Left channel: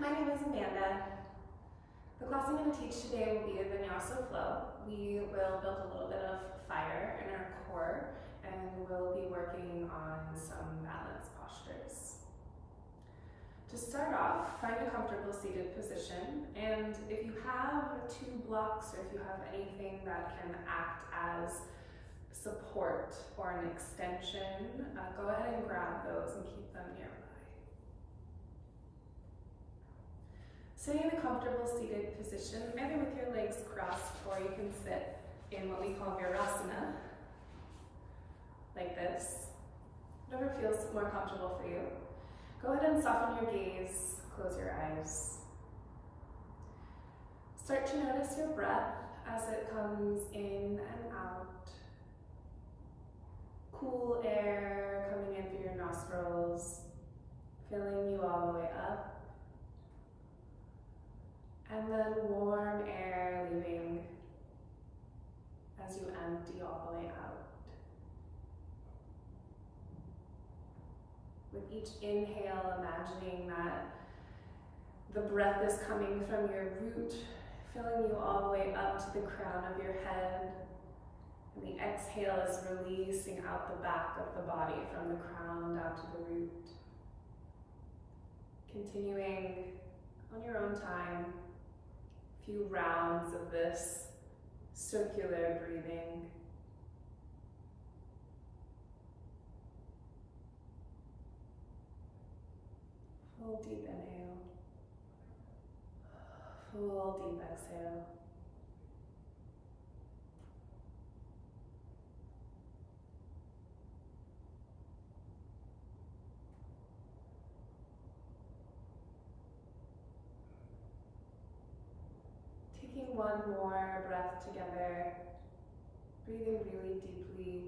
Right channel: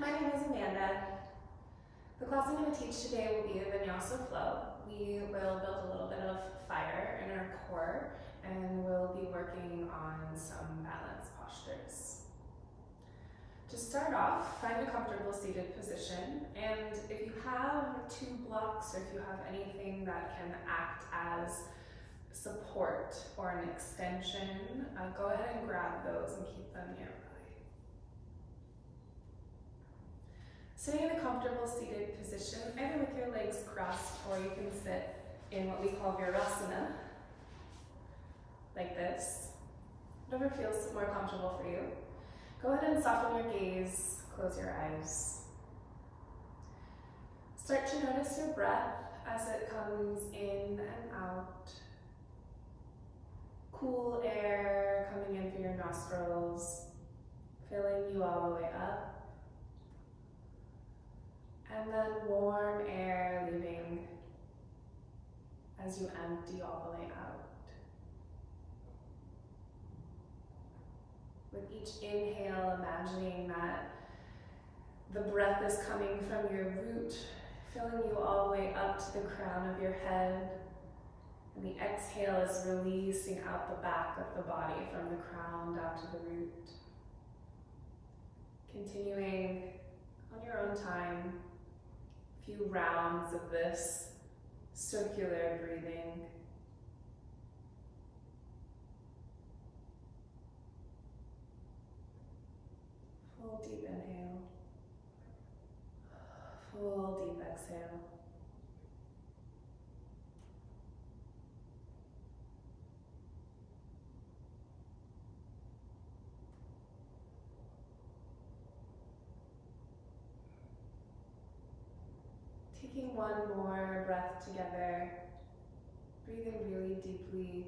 My name is Amanda. The class I'm going to teach today will be a Vinyasa flow. We will build a little bit of fire in our core and we'll be working on some balance postures. To start off, find a comfortable seated position, and if you have two blocks or if you have anything that can act as support or an extension, go ahead and grab those and keep them nearby. Sitting in a comfortable seated position, either with your legs crossed or you can sit in what we call Virasana, like this. Whatever feels more comfortable for you. Go ahead and soften your gaze, close your eyes. Start to notice your breath as it comes in and out. Cool air coming in through your nostrils, filling you all the way up. And then warm air leaving as you empty all the way out. With each inhale, imagining that the breath is coming from your root, filling you all the way up to the crown of your head. And the exhale is releasing out the back of the body from the crown down to the root. Continuing on your own time, a few rounds of this circular breathing. Full deep inhale, full deep exhale. Taking one more breath together, breathing really deeply,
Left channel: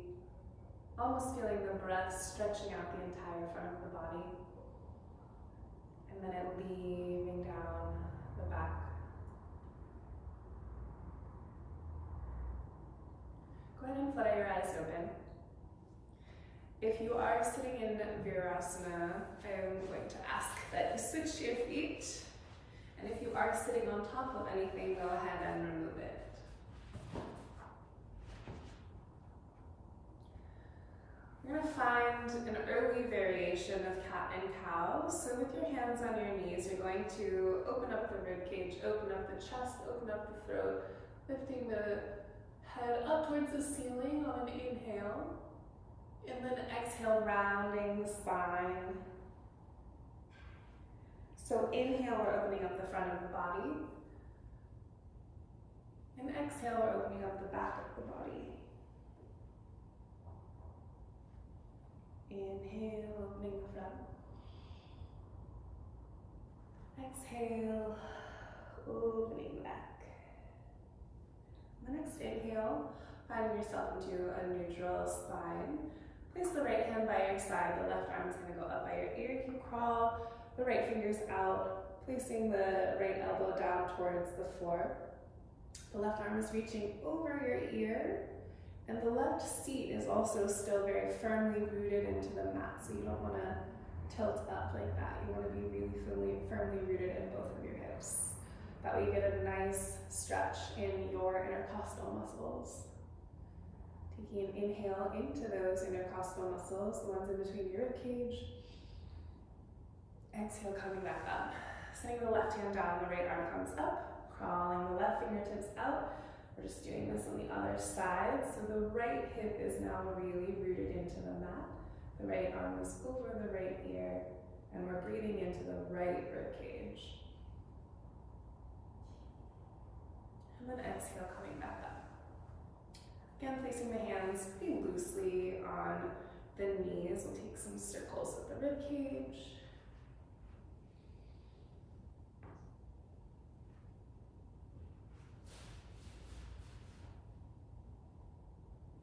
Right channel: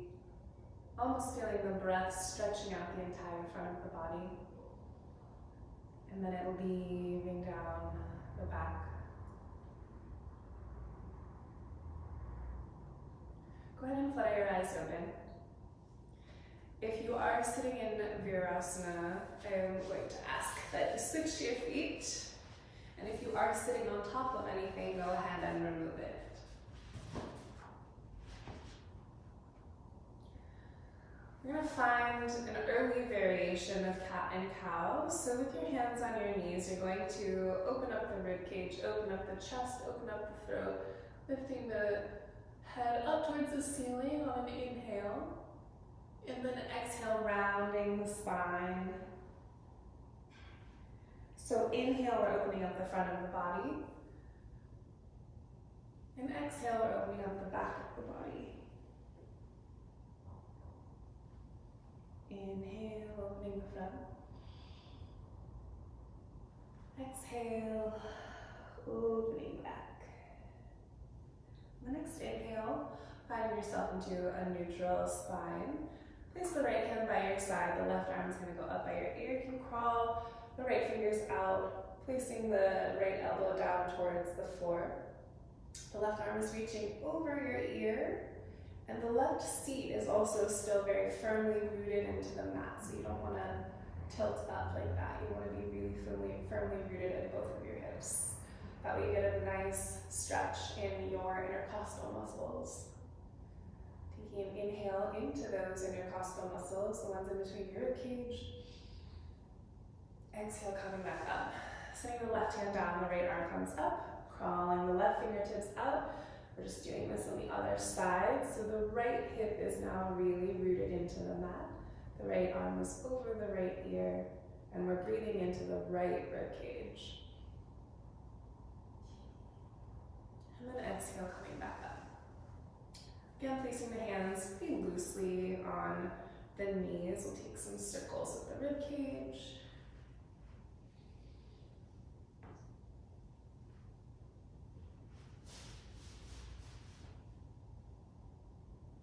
almost feeling the breath stretching out the entire front of the body. And then it will be leaving down the back. Go ahead and flutter your eyes open. If you are sitting in Virasana, I'm going to ask that you switch your feet. And if you are sitting on top of anything, go ahead and remove it. We're going to find an early variation of cat and cow. So with your hands on your knees, you're going to open up the rib cage, open up the chest, open up the throat, lifting the head up towards the ceiling on an inhale. And then exhale, rounding the spine. So inhale, we're opening up the front of the body. And exhale, we're opening up the back of the body. Inhale, opening the front. Exhale, opening the back. The next inhale, finding yourself into a neutral spine. Place the right hand by your side. The left arm is going to go up by your ear. You can crawl the right fingers out, placing the right elbow down towards the floor. The left arm is reaching over your ear. And the left seat is also still very firmly rooted into the mat, so you don't want to tilt up like that. You want to be really firmly rooted in both of your hips. That way you get a nice stretch in your intercostal muscles. Taking an inhale into those intercostal muscles, the ones in between your rib cage. Exhale, coming back up. Setting the left hand down, the right arm comes up, crawling the left fingertips out. We're just doing this on the other side. So the right hip is now really rooted into the mat. The right arm is over the right ear, and we're breathing into the right rib cage. And then exhale, coming back up. Again, placing the hands pretty loosely on the knees. We'll take some circles with the rib cage.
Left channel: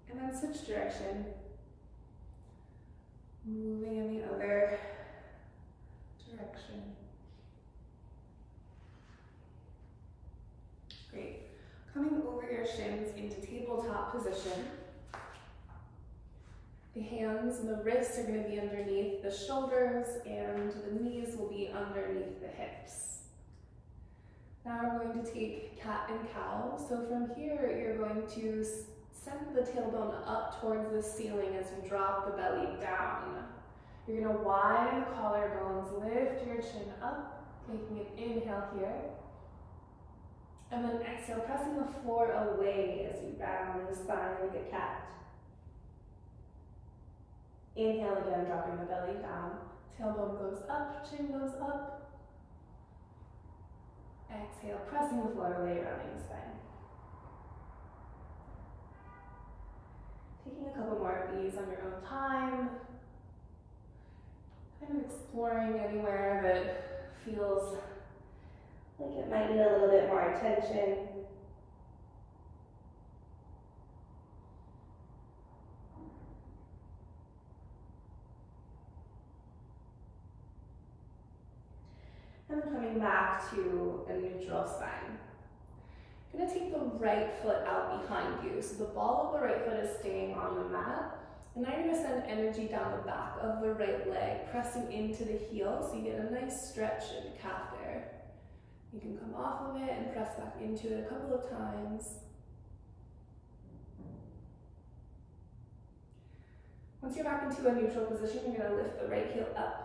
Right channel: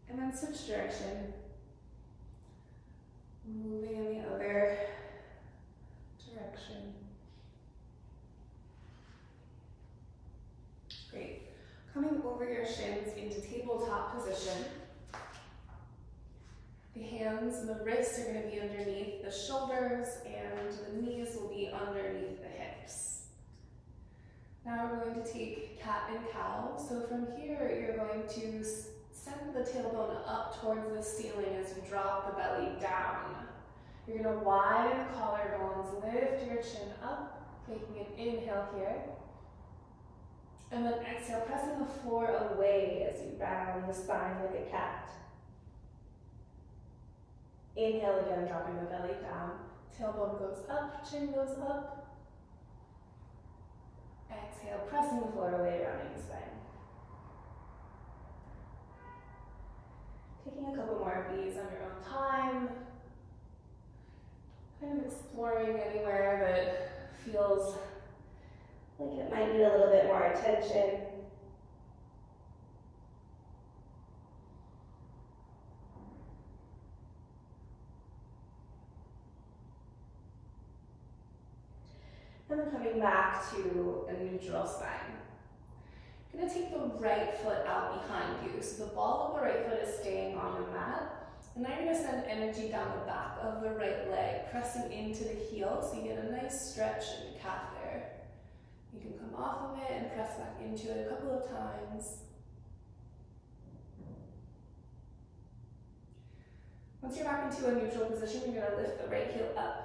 And then switch direction, moving in the other direction. Great. Coming over your shins into tabletop position. The hands and the wrists are going to be underneath the shoulders and the knees will be underneath the hips. Now we're going to take cat and cow. So from here, you're going to send the tailbone up towards the ceiling as you drop the belly down. You're going to widen the collarbones, lift your chin up, taking an inhale here. And then exhale, pressing the floor away as you round the spine like a cat. Inhale again, dropping the belly down. Tailbone goes up, chin goes up. Exhale, pressing the floor away, rounding the spine. Taking a couple more of these on your own time. Kind of exploring anywhere that feels like it might need a little bit more attention. And then coming back to a neutral spine. I'm going to take the right foot out behind you. So the ball of the right foot is staying on the mat. And now you're going to send energy down the back of the right leg, pressing into the heel so you get a nice stretch in the calf there. You can come off of it and press back into it a couple of times. Once you're back into a neutral position, you're going to lift the right heel up.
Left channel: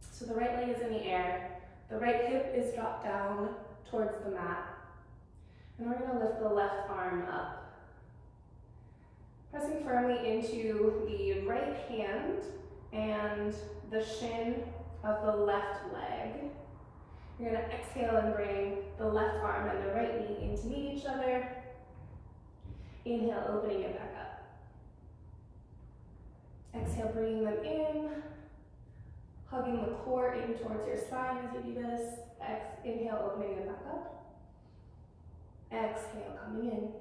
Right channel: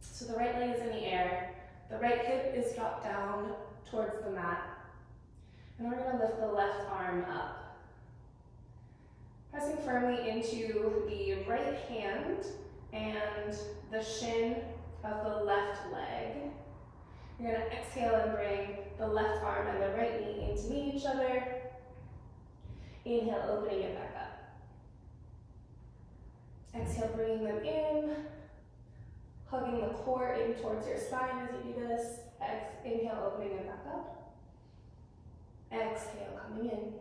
So the right leg is in the air, the right hip is dropped down towards the mat, and we're going to lift the left arm up. Pressing firmly into the right hand and the shin of the left leg. You're going to exhale and bring the left arm and the right knee in to meet each other. Inhale, opening it back up. Exhale, bringing them in. Hugging the core in towards your spine as you do this. Inhale, opening it back up. Exhale, coming in.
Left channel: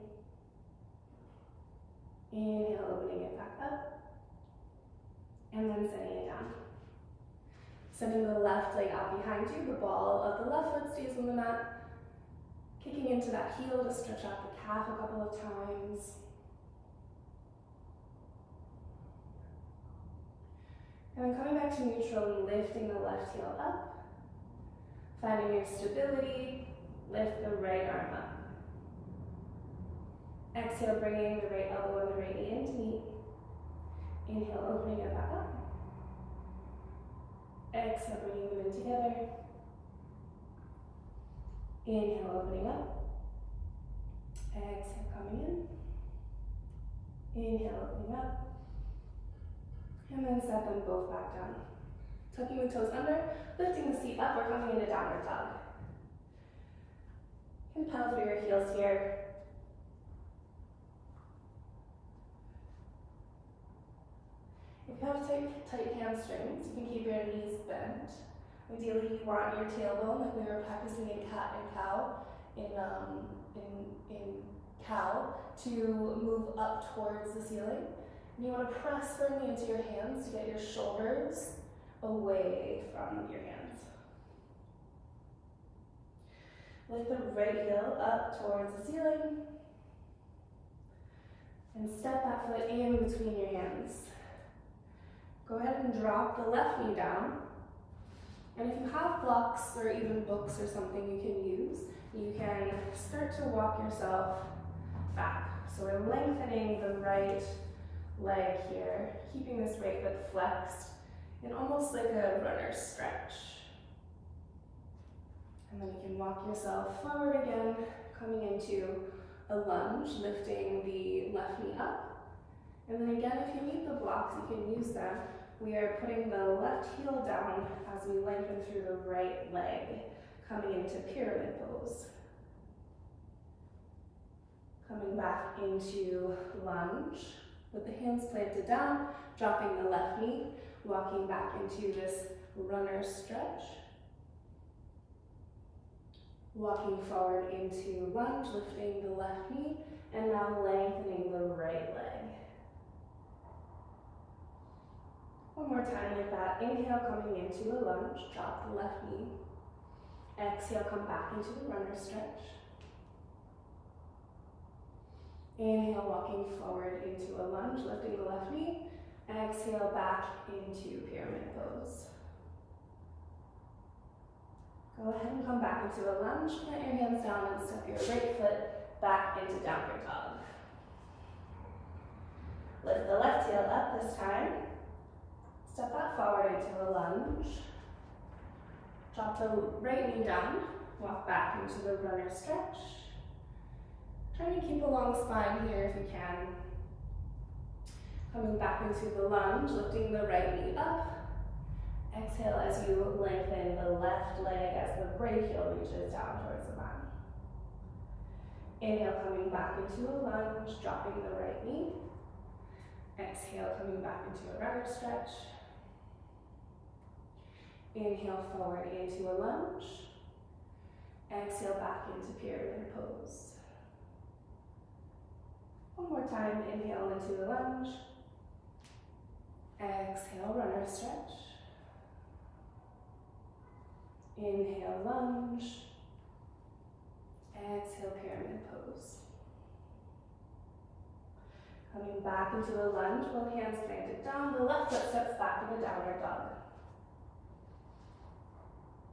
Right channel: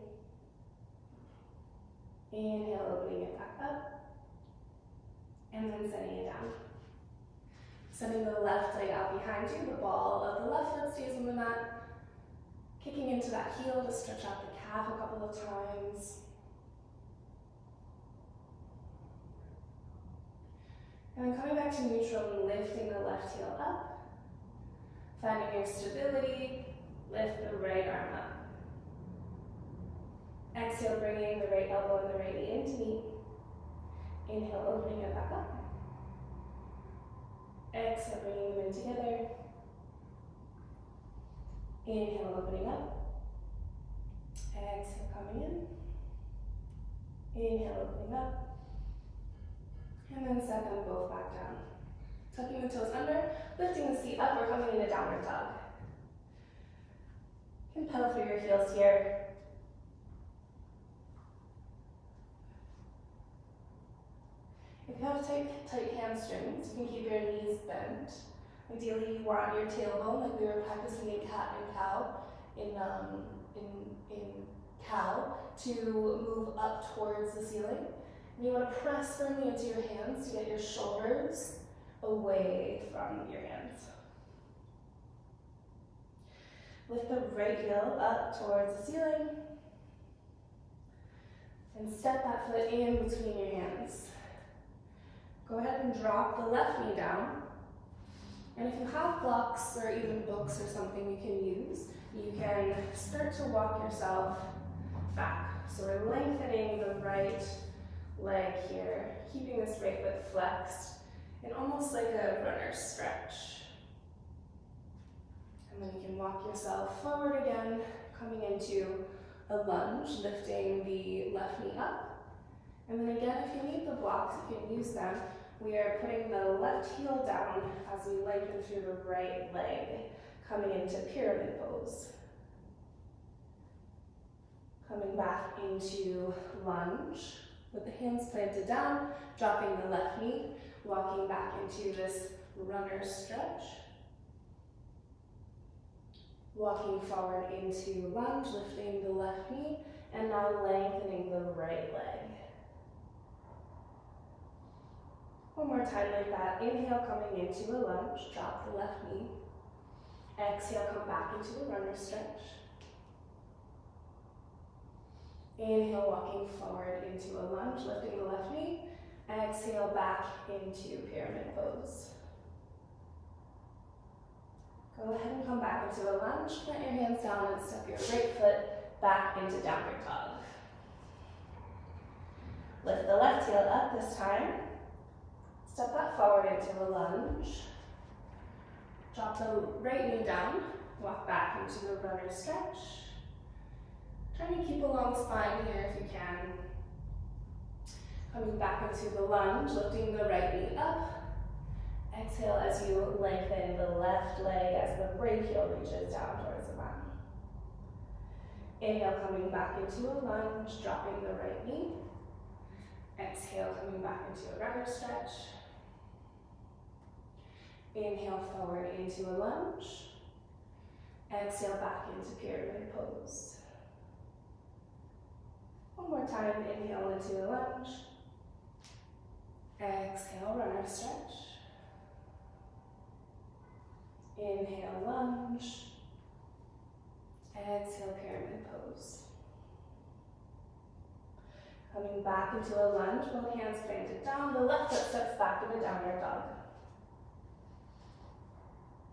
Inhale, opening it back up. And then setting it down. Sending the left leg out behind you. The ball of the left foot stays on the mat. Kicking into that heel to stretch out the calf a couple of times. And then coming back to neutral, lifting the left heel up. Finding your stability, lift the right arm up. Exhale, bringing the right elbow and the right knee in to meet. Inhale, opening it back up. Exhale, bringing them in together. Inhale, opening up. Exhale, coming in. Inhale, opening up. And then set them both back down. Tucking the toes under, lifting the seat up, we're coming into downward dog. You can pedal through your heels here. If you have tight hamstrings, you can keep your knees bent. Ideally, you want your tailbone, like we were practicing in cat and cow, in cow, to move up towards the ceiling. And you want to press firmly into your hands to get your shoulders away from your hands. Lift the right heel up towards the ceiling. And step that foot in between your hands. Go ahead and drop the left knee down. And if you have blocks or even books or something you can use, you can start to walk yourself back. So we're lengthening the right leg here, keeping this right foot flexed in almost like a runner's stretch. And then you can walk yourself forward again, coming into a lunge, lifting the left knee up. And then again, if you need the blocks, you can use them. We are putting the left heel down as we lengthen through the right leg, coming into pyramid pose. Coming back into lunge with the hands planted down, dropping the left knee, walking back into this runner stretch. Walking forward into lunge, lifting the left knee, and now lengthening the right leg. One more time like that. Inhale, coming into a lunge, drop the left knee. Exhale, come back into the runner stretch. Inhale, walking forward into a lunge, lifting the left knee. Exhale, back into pyramid pose. Go ahead and come back into a lunge. Plant your hands down and step your right foot back into downward dog. Lift the left heel up this time. Step that forward into a lunge. Drop the right knee down. Walk back into the runner stretch. Try to keep a long spine here if you can. Coming back into the lunge, lifting the right knee up. Exhale as you lengthen the left leg as the right heel reaches down towards the mat. Inhale, coming back into a lunge, dropping the right knee. Exhale, coming back into a runner stretch. Inhale forward into a lunge. Exhale back into pyramid pose. One more time, inhale into a lunge. Exhale, runner stretch. Inhale, lunge. Exhale, pyramid pose. Coming back into a lunge, both hands planted down. The left foot steps back in a downward dog.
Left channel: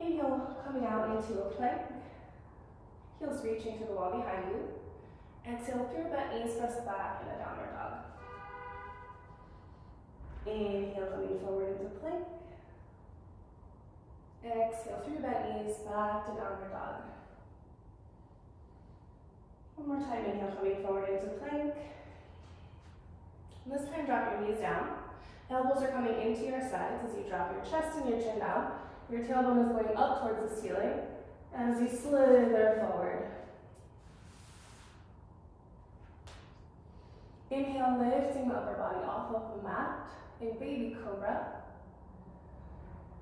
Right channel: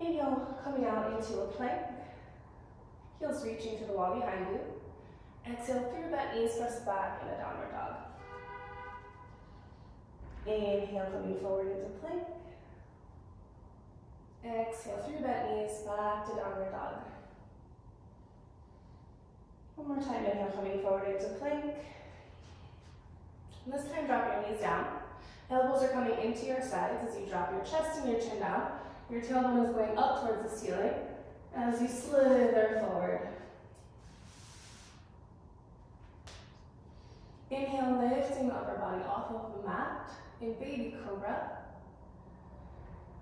Inhale, coming out into a plank. Heels reaching to the wall behind you. Exhale, through bent knees, press back in a downward dog. Inhale, coming forward into plank. Exhale, through bent knees, back to downward dog. One more time, inhale, coming forward into plank. And this time, drop your knees down. Elbows are coming into your sides as you drop your chest and your chin down. Your tailbone is going up towards the ceiling as you slither forward. Inhale, lifting the upper body off of the mat in baby cobra.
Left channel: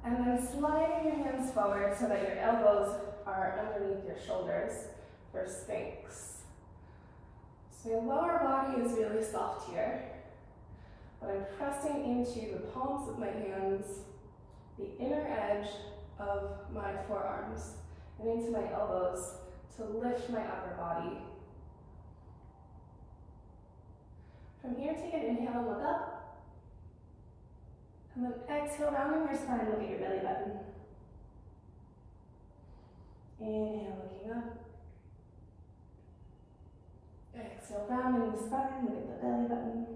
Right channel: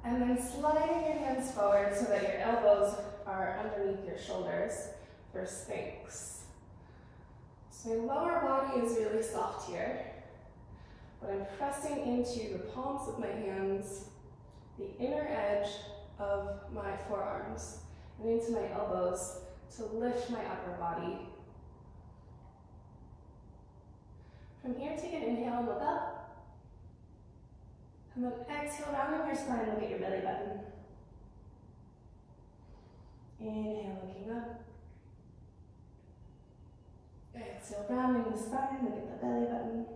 And then sliding your hands forward so that your elbows are underneath your shoulders for Sphinx. So your lower body is really soft here, but I'm pressing into the palms of my hands, the inner edge of my forearms, and into my elbows to lift my upper body. From here, take an inhale and look up. And then exhale, rounding your spine, look at your belly button. Inhale, looking up. Exhale, rounding the spine, look at the belly button.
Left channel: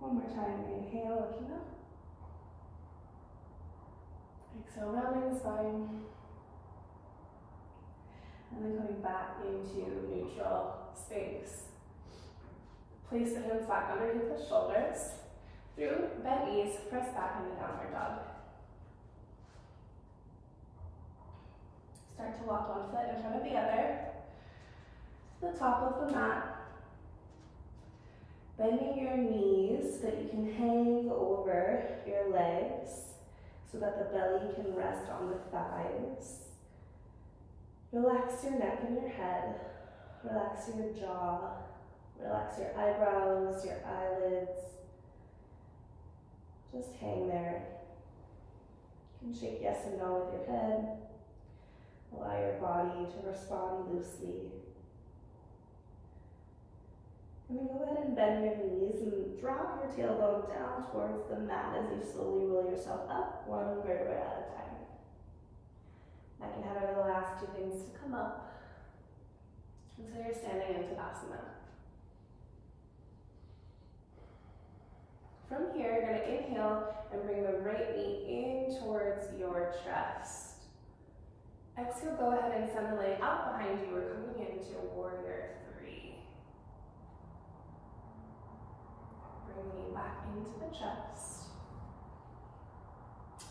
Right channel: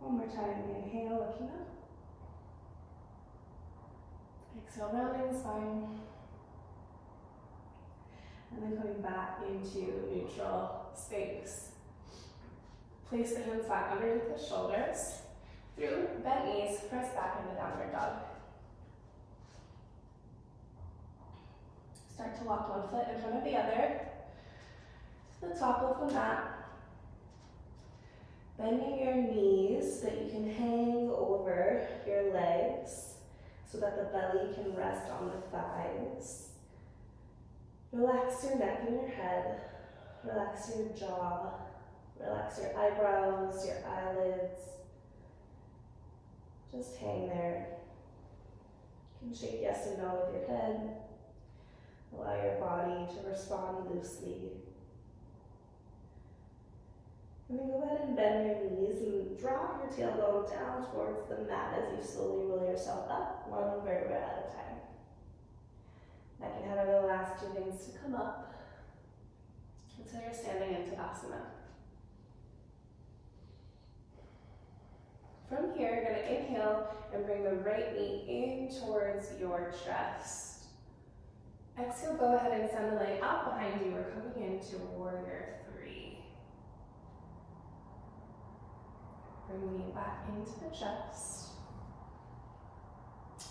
One more time, inhale, looking up. Exhale, rounding the spine. And then coming back into neutral Sphinx. Place the hands back underneath the shoulders. Through bent knees, press back into downward dog. Start to walk one foot in front of the other to the top of the mat. Bending your knees so that you can hang over your legs so that the belly can rest on the thighs. Relax your neck and your head. Relax your jaw. Relax your eyebrows, your eyelids. Just hang there. You can shake yes and no with your head. Allow your body to respond loosely. And then go ahead and bend your knees and drop your tailbone down towards the mat as you slowly roll yourself up, one vertebra at a time. I can have the last two things to come up until you're standing in Tadasana. From here, you're going to inhale and bring the right knee in towards your chest. Exhale, go ahead and send the leg out behind you. We're coming into warrior 3. Bring the knee back into the chest.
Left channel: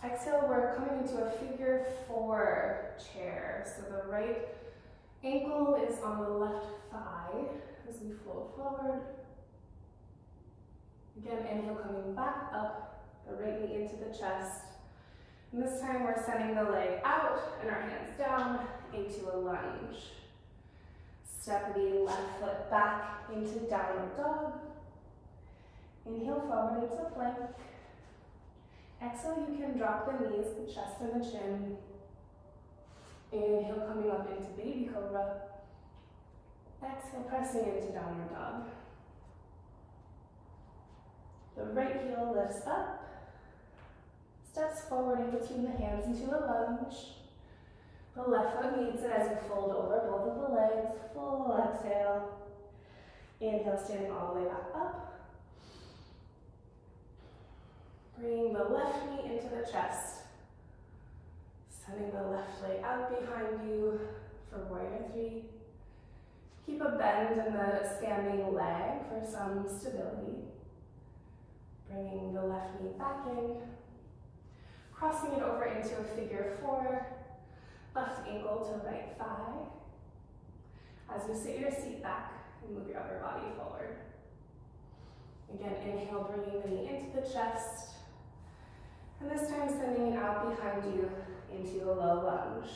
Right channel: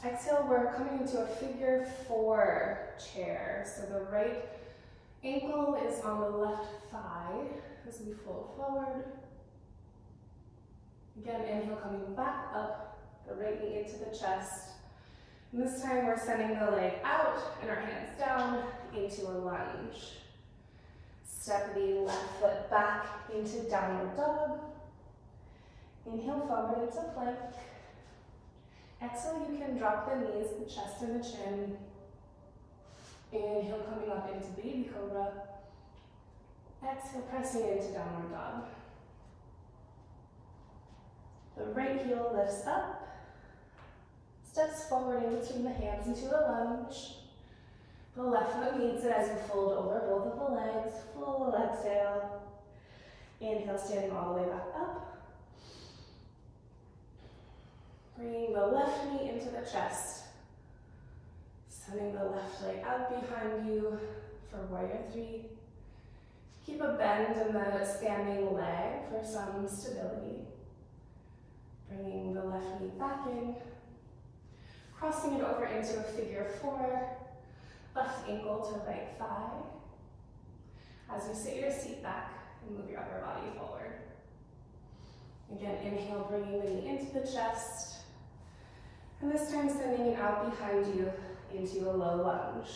Exhale, we're coming into a figure 4 chair. So the right ankle is on the left thigh as we fold forward. Again, inhale, coming back up, the right knee into the chest. And this time we're sending the leg out and our hands down into a lunge. Step the left foot back into downward dog. Inhale forward into plank. Exhale, you can drop the knees, the chest and the chin. Inhale, coming up into baby cobra. Exhale, pressing into downward dog. The right heel lifts up. Steps forward in between the hands into a lunge. The left foot meets it as you fold over both of the legs. Full exhale. Inhale, standing all the way back up. Bringing the left knee into the chest. Sending the left leg out behind you for warrior three. Keep a bend in the standing leg for some stability. Bringing the left knee back in. Crossing it over into a figure four. Left ankle to right thigh. As you sit your seat back and move your other body forward. Again, inhale, bringing the knee into the chest. And this time sending it out behind you into a low lunge.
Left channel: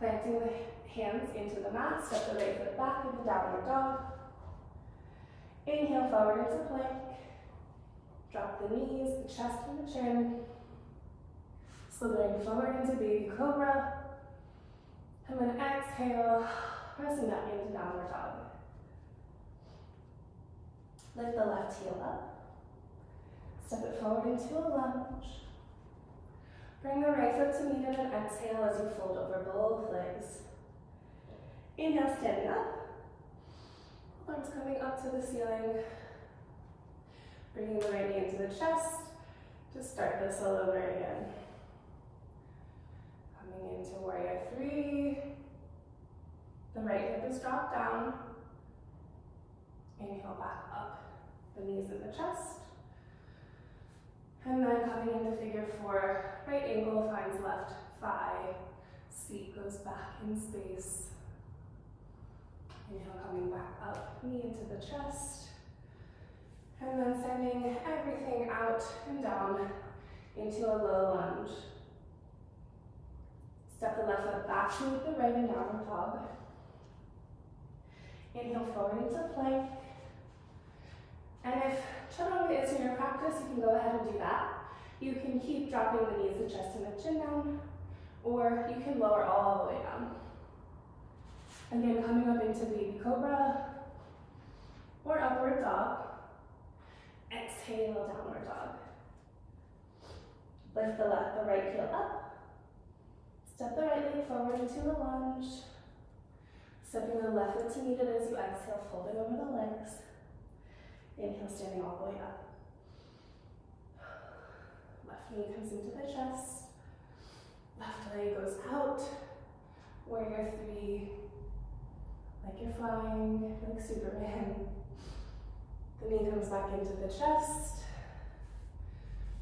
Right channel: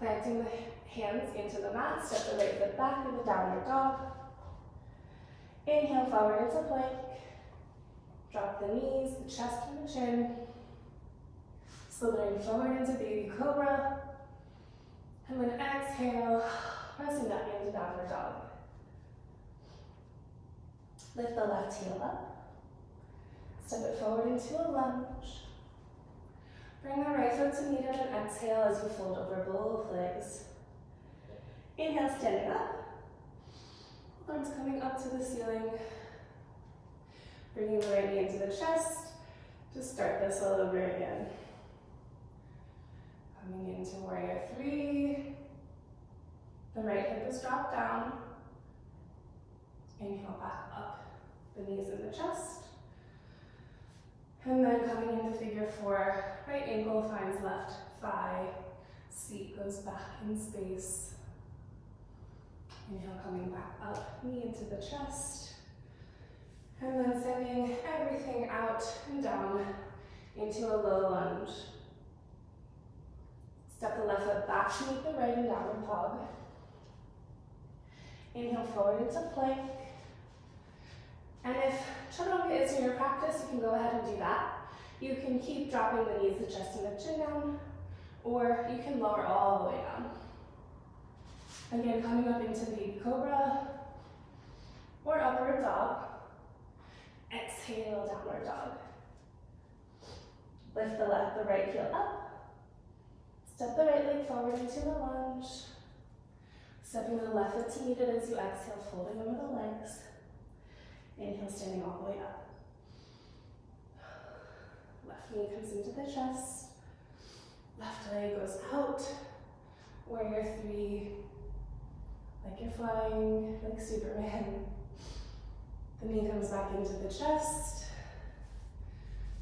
Planting the hands into the mat, step the right foot back into downward dog. Inhale forward into plank. Drop the knees, the chest and the chin. Slithering forward into baby cobra. And then exhale, pressing that into downward dog. Lift the left heel up. Step it forward into a lunge. Bring the right foot to meet it and exhale as you fold over both legs. Inhale, standing up. Arms coming up to the ceiling. Bringing the right knee into the chest. Just start this all over again. Coming into warrior three. The right hip is dropped down. Inhale back up. The knees in the chest. And then coming into figure four, right ankle finds left thigh, seat goes back in space. Inhale, coming back up, knee into the chest. And then sending everything out and down into a low lunge. Step the left foot back to meet the right in downward dog. Inhale forward into plank. And if chaturanga is in your practice, you can go ahead and do that. You can keep dropping the knees, the chest, and the chin down, or you can lower all the way down. Again, coming up into baby cobra, or upward dog. Exhale, downward dog. Lift the right heel up. Step the right leg forward into a lunge. Stepping the left foot to meet it as you exhale, folding over the legs. Inhale, standing all the way up. Left knee comes into the chest. Left leg goes out. Warrior three. Like you're flying, like Superman. The knee comes back into the chest.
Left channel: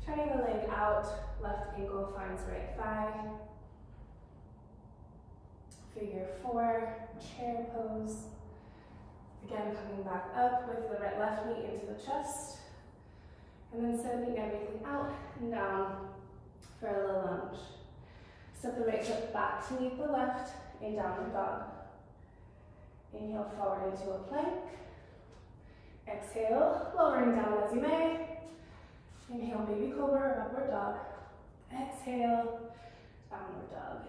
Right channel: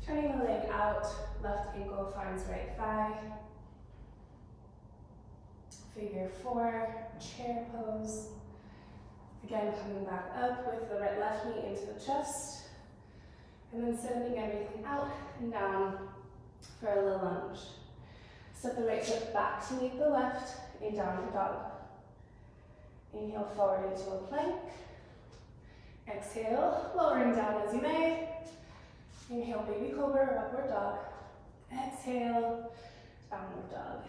Turning the leg out. Left ankle finds right thigh. Figure four, chair pose. Again, coming back up with the left knee into the chest. And then sending everything out and down for a low lunge. Step the right foot back to meet the left in downward dog. Inhale forward into a plank. Exhale, lowering down as you may. Inhale, baby cobra or upward dog. Exhale, downward dog.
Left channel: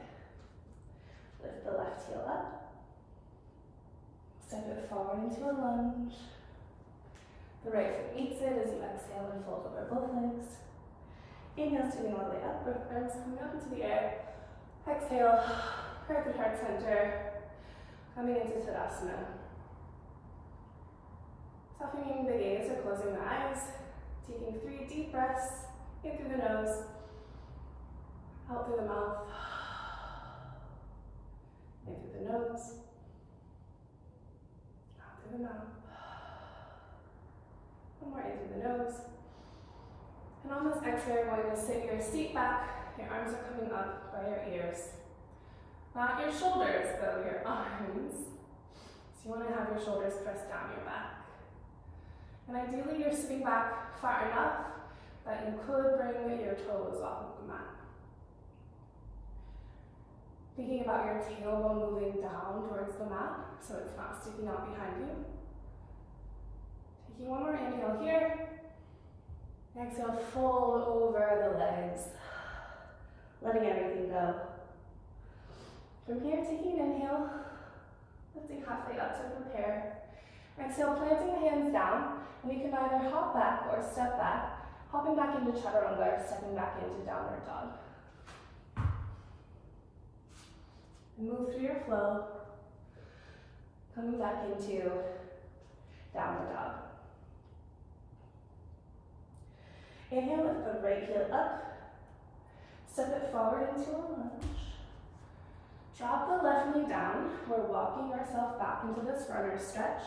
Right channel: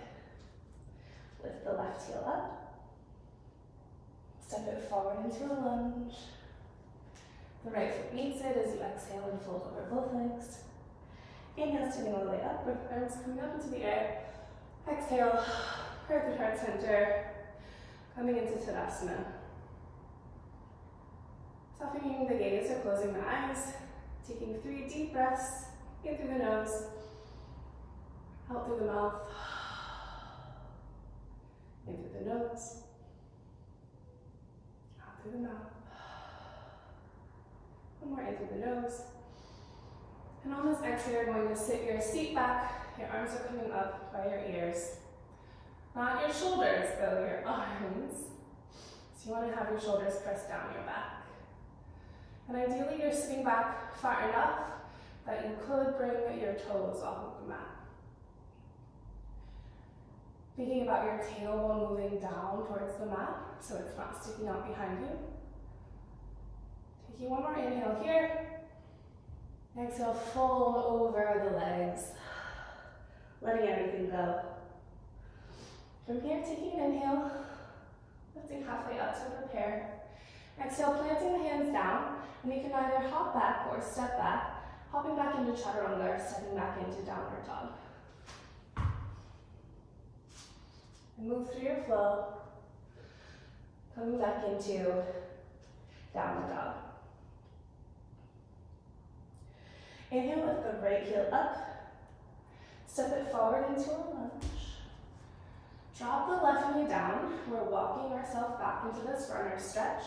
Lift the left heel up. Step it forward into a lunge. The right foot meets it as you exhale and fold over both legs. Inhale, standing all the way up with arms coming up into the air. Exhale, heart to heart center. Coming into Virasana. Softening the gaze or closing the eyes. Taking 3 deep breaths in through the nose, out through the mouth, in through the nose, out through the mouth. One more in through the nose. And on this exhale, you're going to sit your seat back. Your arms are coming up by your ears. Not your shoulders, though, your arms. So you want to have your shoulders pressed down your back. And ideally, you're sitting back far enough that you could bring your toes off of the mat. Thinking about your tailbone moving down towards the mat, so it's not sticking out behind you. Taking one more inhale here. Exhale, fold over the legs, letting everything go. From here, taking an inhale, lifting halfway up to prepare. Exhale, planting the hands down, and you can either hop back or step back Hopping back into chaturanga or stepping back into downward dog. And move through your flow, coming back into downward dog. Inhale, lift the right heel up. Step it forward into a lunge. Drop the left knee down. We're walking ourselves back into this runner stretch,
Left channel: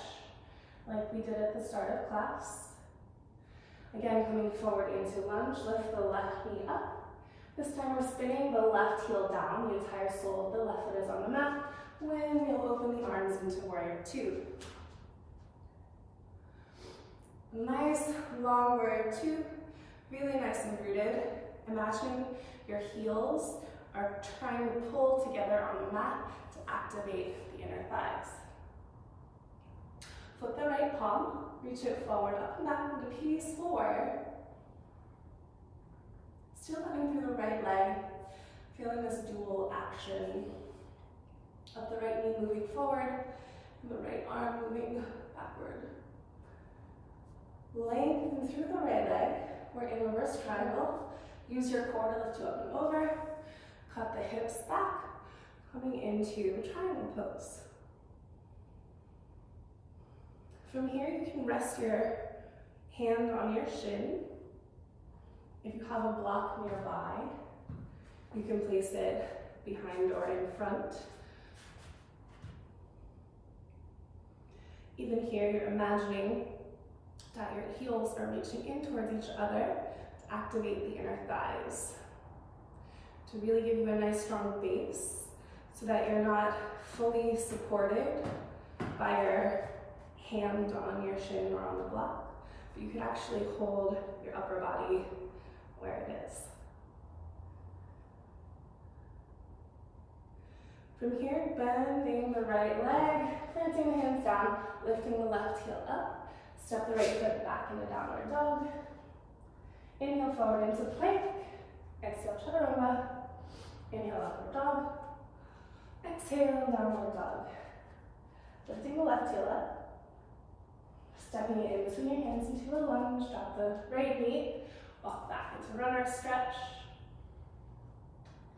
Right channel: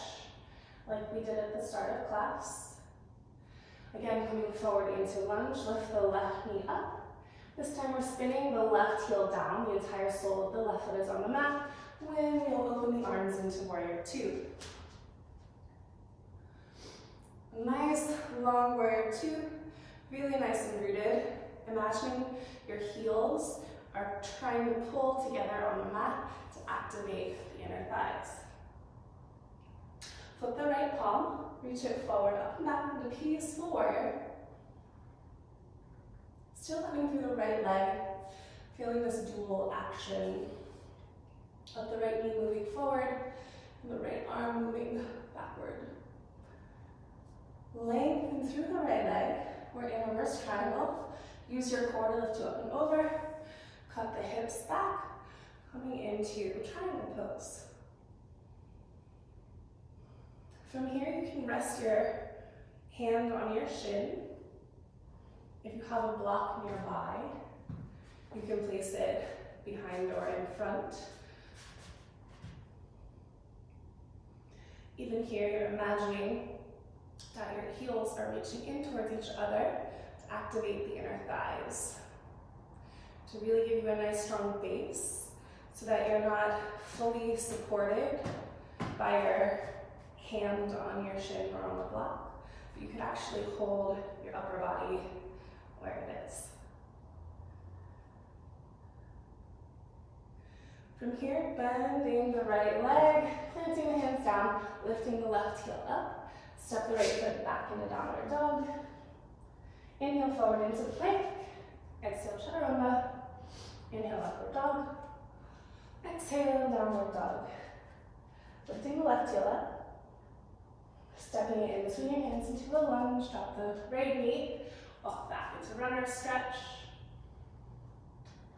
like we did at the start of class. Again, coming forward into lunge, lift the left knee up. This time we're spinning the left heel down. The entire sole of the left foot is on the mat. When you'll open the arms into warrior two. Nice long warrior two. Really nice and rooted. Imagining your heels are trying to pull together on the mat to activate the inner thighs. Flip the right palm, reach it forward, up and back into peaceful warrior. Still running through the right leg, feeling this dual action of the right knee moving forward and the right arm moving backward. Lengthen through the right leg. We're in reverse triangle. Use your core to lift you up and over. Cut the hips back, coming into the triangle pose. From here, you can rest your hand on your shin. If you have a block nearby, you can place it behind or in front. Even here, you're imagining that your heels are reaching in towards each other to activate the inner thighs, to really give you a nice strong base so that you're not fully supported by your hand on your shin or on the block, but you can actually hold your upper body where it is. From here, bending the right leg, planting the hands down, lifting the left heel up, step the right foot back into downward dog. Inhale forward into plank, exhale chaturanga, inhale upward dog, exhale downward dog. Lifting the left heel up, stepping it in between your hands into a lunge, drop the right knee, walk back into runner stretch.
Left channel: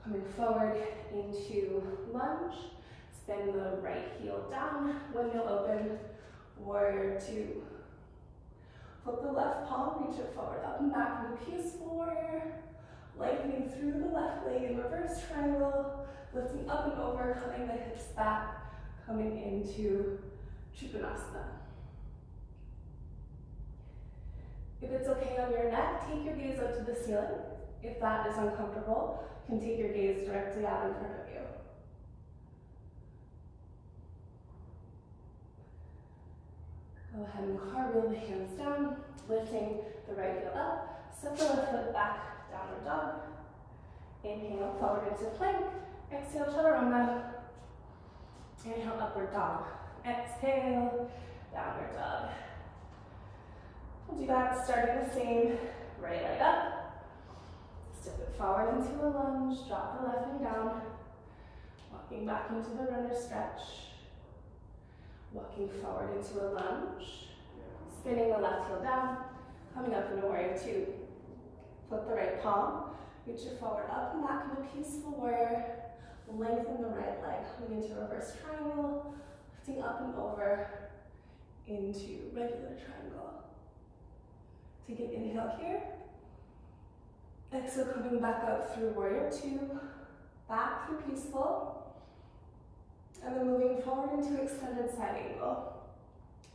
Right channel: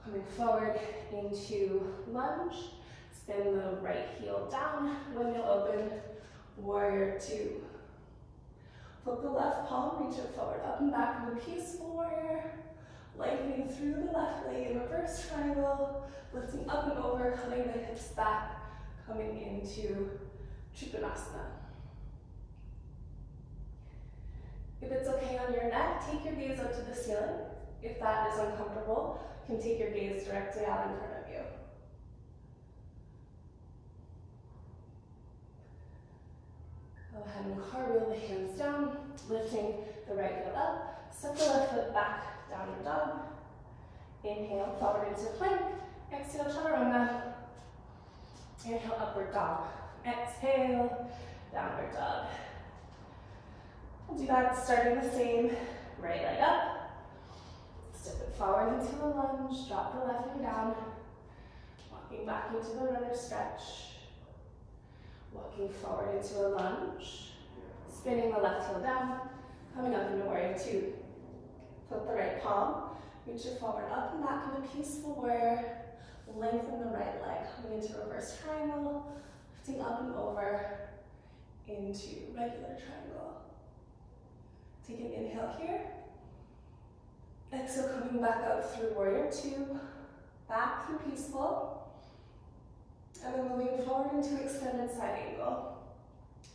Coming forward into lunge, spin the right heel down, windmill open, warrior two. Flip the left palm, reach it forward, up and back into peaceful warrior. Lengthening through the left leg in reverse triangle, lifting up and over, cutting the hips back, coming into Trikonasana. If it's okay on your neck, take your gaze up to the ceiling. If that is uncomfortable, you can take your gaze directly out in front of you. Go ahead and cartwheel the hands down, lifting the right heel up, step the left foot back, downward dog. Inhale, forward into plank. Exhale, chaturanga. Inhale, upward dog. Exhale, downward dog. We'll do that starting the same, right leg up. Step it forward into a lunge, drop the left knee down. Walking back into the runner stretch. Walking forward into a lunge. Spinning the left heel down, coming up into warrior two. Flip the right palm, reach it forward, up and back into peaceful warrior. Lengthen the right leg, coming into reverse triangle, lifting up and over into regular triangle. Take an inhale here. Exhale, coming back up through warrior two, back through peaceful. And then moving forward into extended side angle.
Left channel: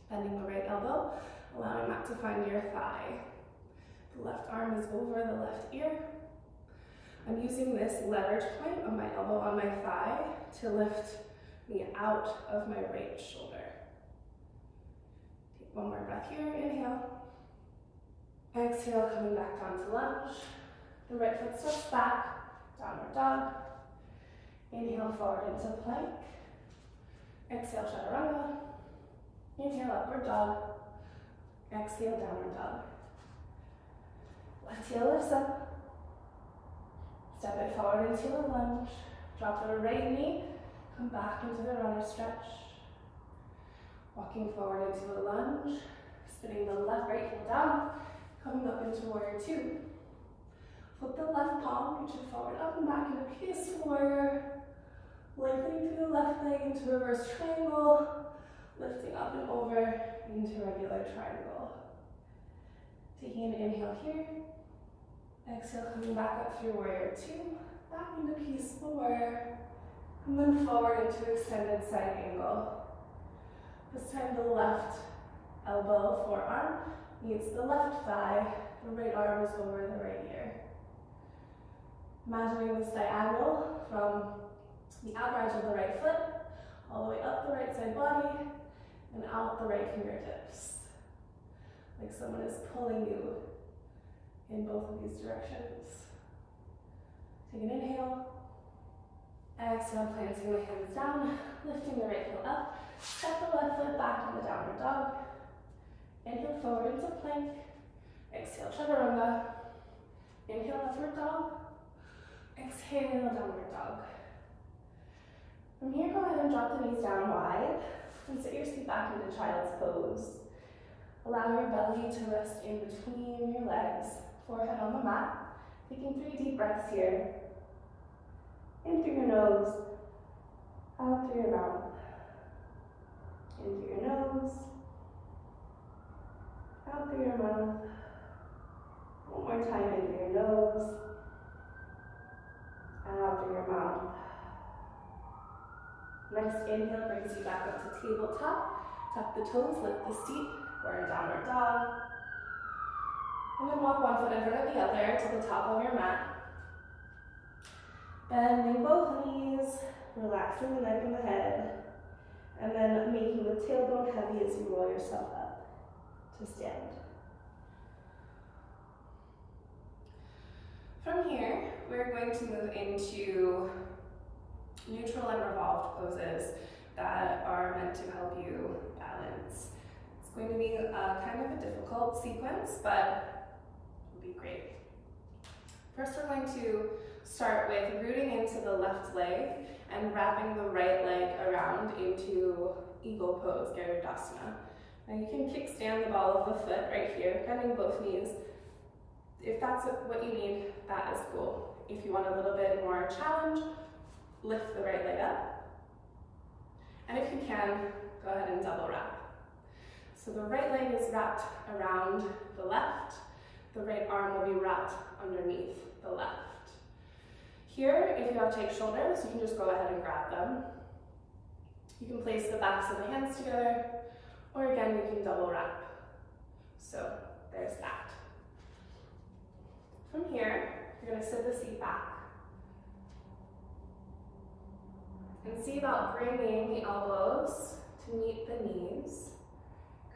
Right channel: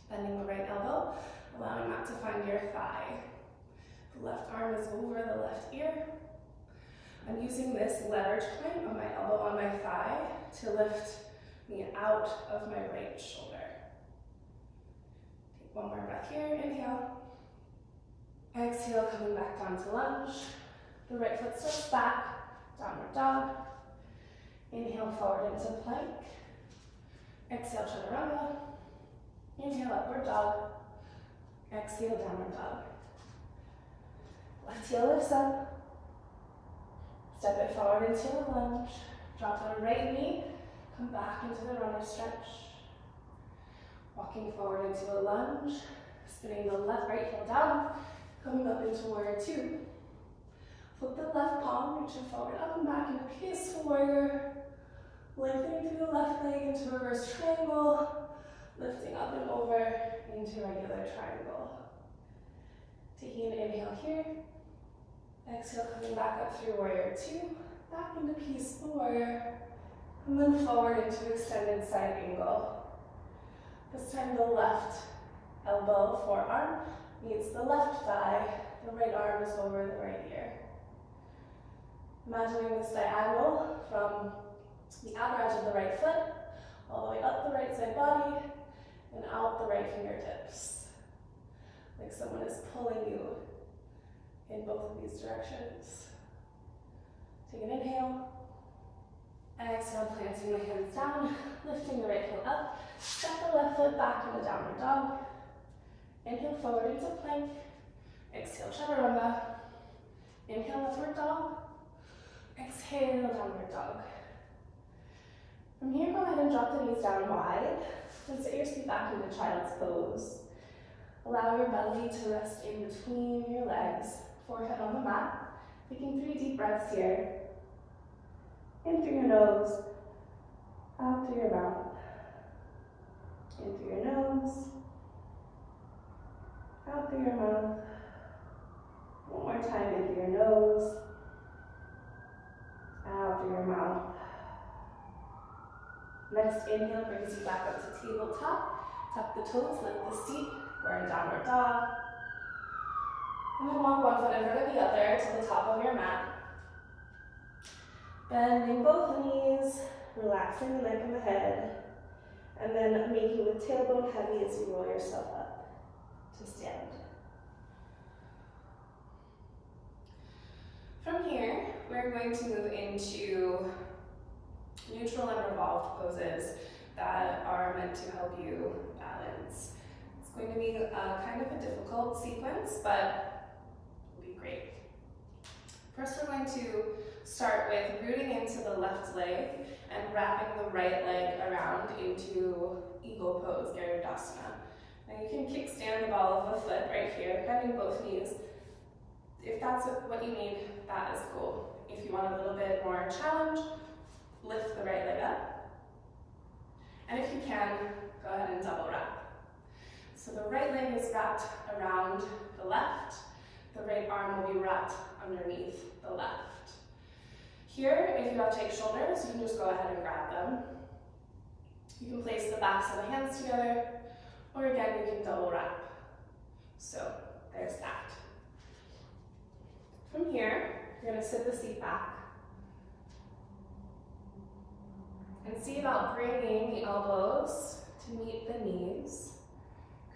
Bending the right elbow, allowing that to find your thigh. The left arm is over the left ear. I'm using this leverage point of my elbow on my thigh to lift me out of my right shoulder. Take one more breath here, inhale. Exhale, coming back down to lunge. The right foot steps back, downward dog. Inhale forward into plank. Exhale, chaturanga. Inhale, upward dog. Exhale, downward dog. Left heel lifts up. Step it forward into a lunge. Drop the right knee. Come back into the runner stretch. Walking forward into a lunge. Spinning the right heel down. Coming up into warrior two. Flip the left palm, reach it forward, up and back into peaceful warrior. Lengthening through the left leg into reverse triangle. Lifting up and over into regular triangle. Taking an inhale here. Exhale, coming back up through warrior two. Back into peaceful warrior. And then forward into extended side angle. This time the left elbow, forearm, meets the left thigh. The right arm is over the right ear. Imagining this diagonal from the outer edge of the right foot, all the way up the right side body, and out the right fingertips. Like someone is pulling you in both of these directions. Take an inhale. Exhale, planting the hands down, lifting the right heel up. Step the left foot back into downward dog. Inhale forward into plank. Exhale, chaturanga. Inhale, upward dog. Exhale, downward dog. From here, go ahead and drop the knees down wide and sit your feet back into child's pose. Allow your belly to rest in between your legs, forehead on the mat. Taking 3 deep breaths here. In through your nose, out through your mouth. In through your nose, out through your mouth. One more time, in through your nose, out through your mouth. Next inhale brings you back up to tabletop. Tuck the toes, lift the seat. We're in downward dog. And then walk one foot in front of the other to the top of your mat. Bending both knees, relaxing the neck and the head, and then making the tailbone heavy as you roll yourself up to stand. From here, we're going to move into neutral and revolved poses that are meant to help you balance. It's going to be a kind of a difficult sequence, but it'll be great. First, we're going to start with rooting into the left leg and wrapping the right leg around into eagle pose, Garudasana. Now you can kickstand the ball of the foot right here, bending both knees. If that's what you need, that is cool. If you want a little bit more challenge, lift the right leg up. And if you can, go ahead and double wrap. So the right leg is wrapped around the left. The right arm will be wrapped underneath the left. Here, if you have tight shoulders, you can just go ahead and grab them. You can place the backs of the hands together, or again, you can double wrap. So there's that. From here, you're going to sit the seat back and see about bringing the elbows to meet the knees,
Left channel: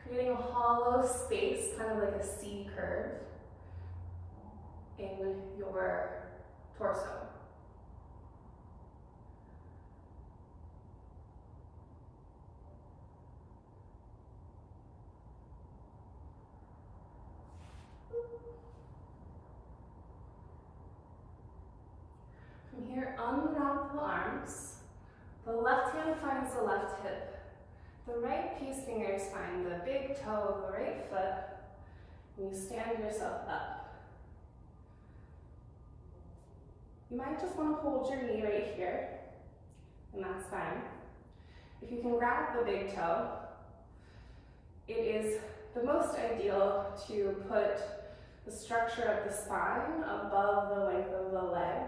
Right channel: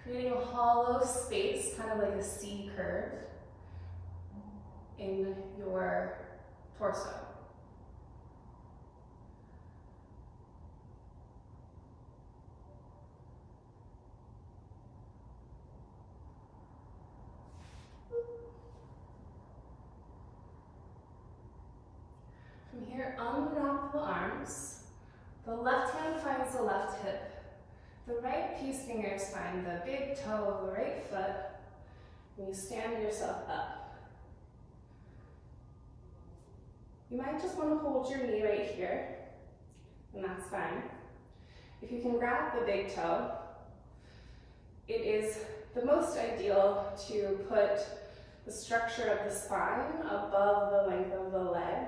creating a hollow space, kind of like a C curve in your torso. From here, unwrap the arms. The left hand finds the left hip. The right peace fingers find the big toe of the right foot. And you stand yourself up. You might just want to hold your knee right here, and that's fine. If you can grab the big toe, it is the most ideal to put the structure of the spine above the length of the leg.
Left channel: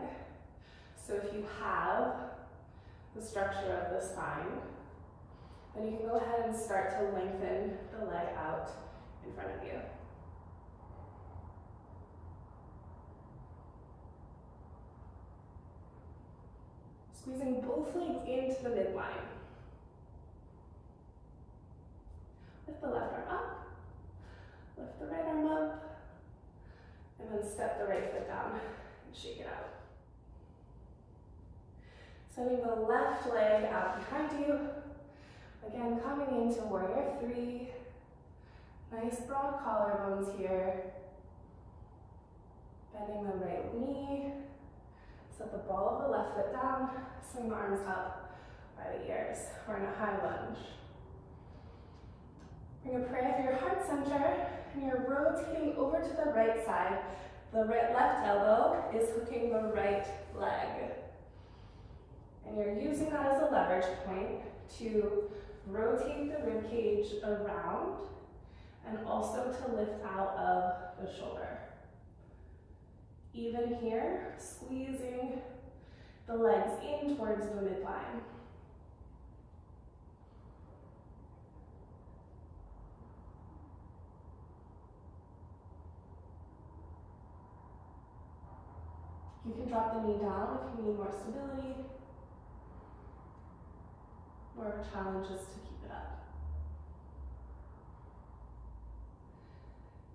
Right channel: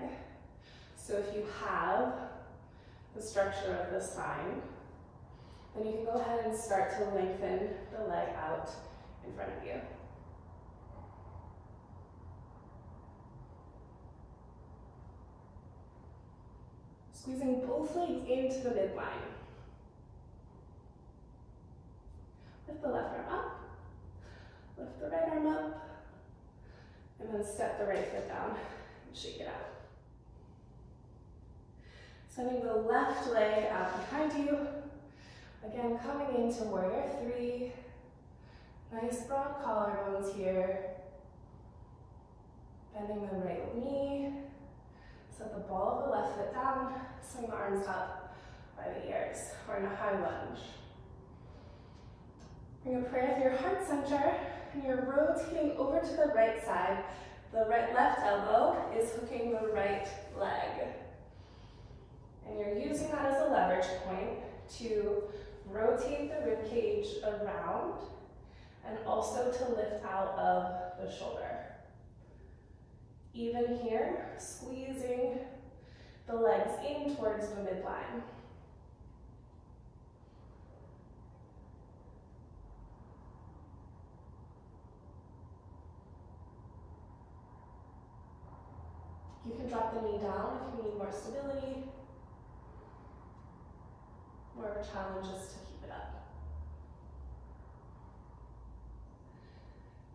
So if you have the structure of the spine, then you can go ahead and start to lengthen the leg out in front of you. Squeezing both legs into the midline. Lift the left arm up, lift the right arm up, and then step the right foot down and shake it out. Sending the left leg out behind you. Again, coming into warrior three. Nice broad collarbones here. Bending the right knee. Set the ball of the left foot down. Swing the arms up by the ears. We're in a high lunge. Bring a prayer through your heart center and you're rotating over to the right side. The left elbow is hooking the right leg. And you're using that as a leverage point to rotate the rib cage around and also to lift out of the shoulder. Even here, squeezing the legs in towards the midline. You can drop the knee down if you need more stability. More of a challenge is to keep it up.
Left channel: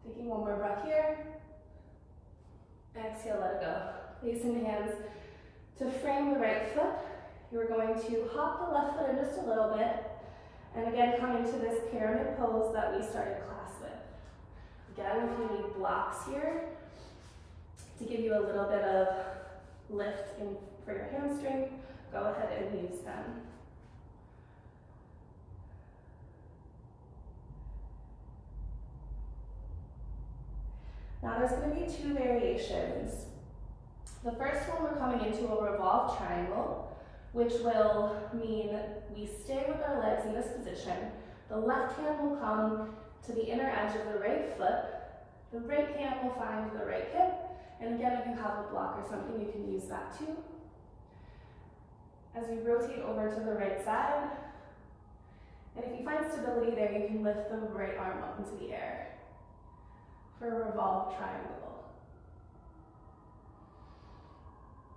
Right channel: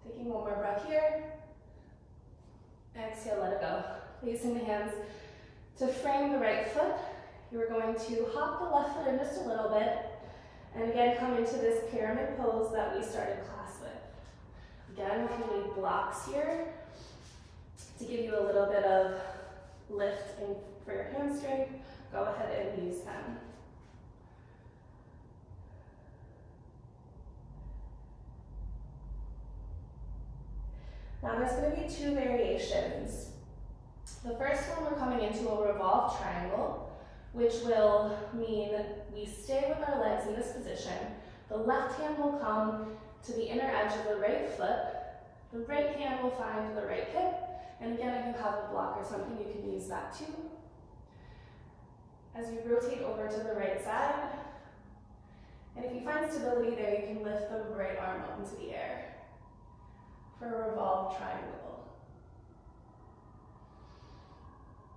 Taking one more breath here. Exhale, let it go. Placing the hands to frame the right foot. You're going to hop the left foot in just a little bit. And again, come into this pyramid pose that we started class with. Again, if you need blocks here, to give you a little bit of lift in for your hamstring, go ahead and use them. Now there's going to be two variations. The first one, we're coming into a revolved triangle, which will mean we stay with our legs in this position. The left hand will come to the inner edge of the right foot. The right hand will find the right hip. And again, if you have a block or something, you can use that too. As you rotate over to the right side, and if you find stability there, you can lift the right arm up into the air for a revolved triangle.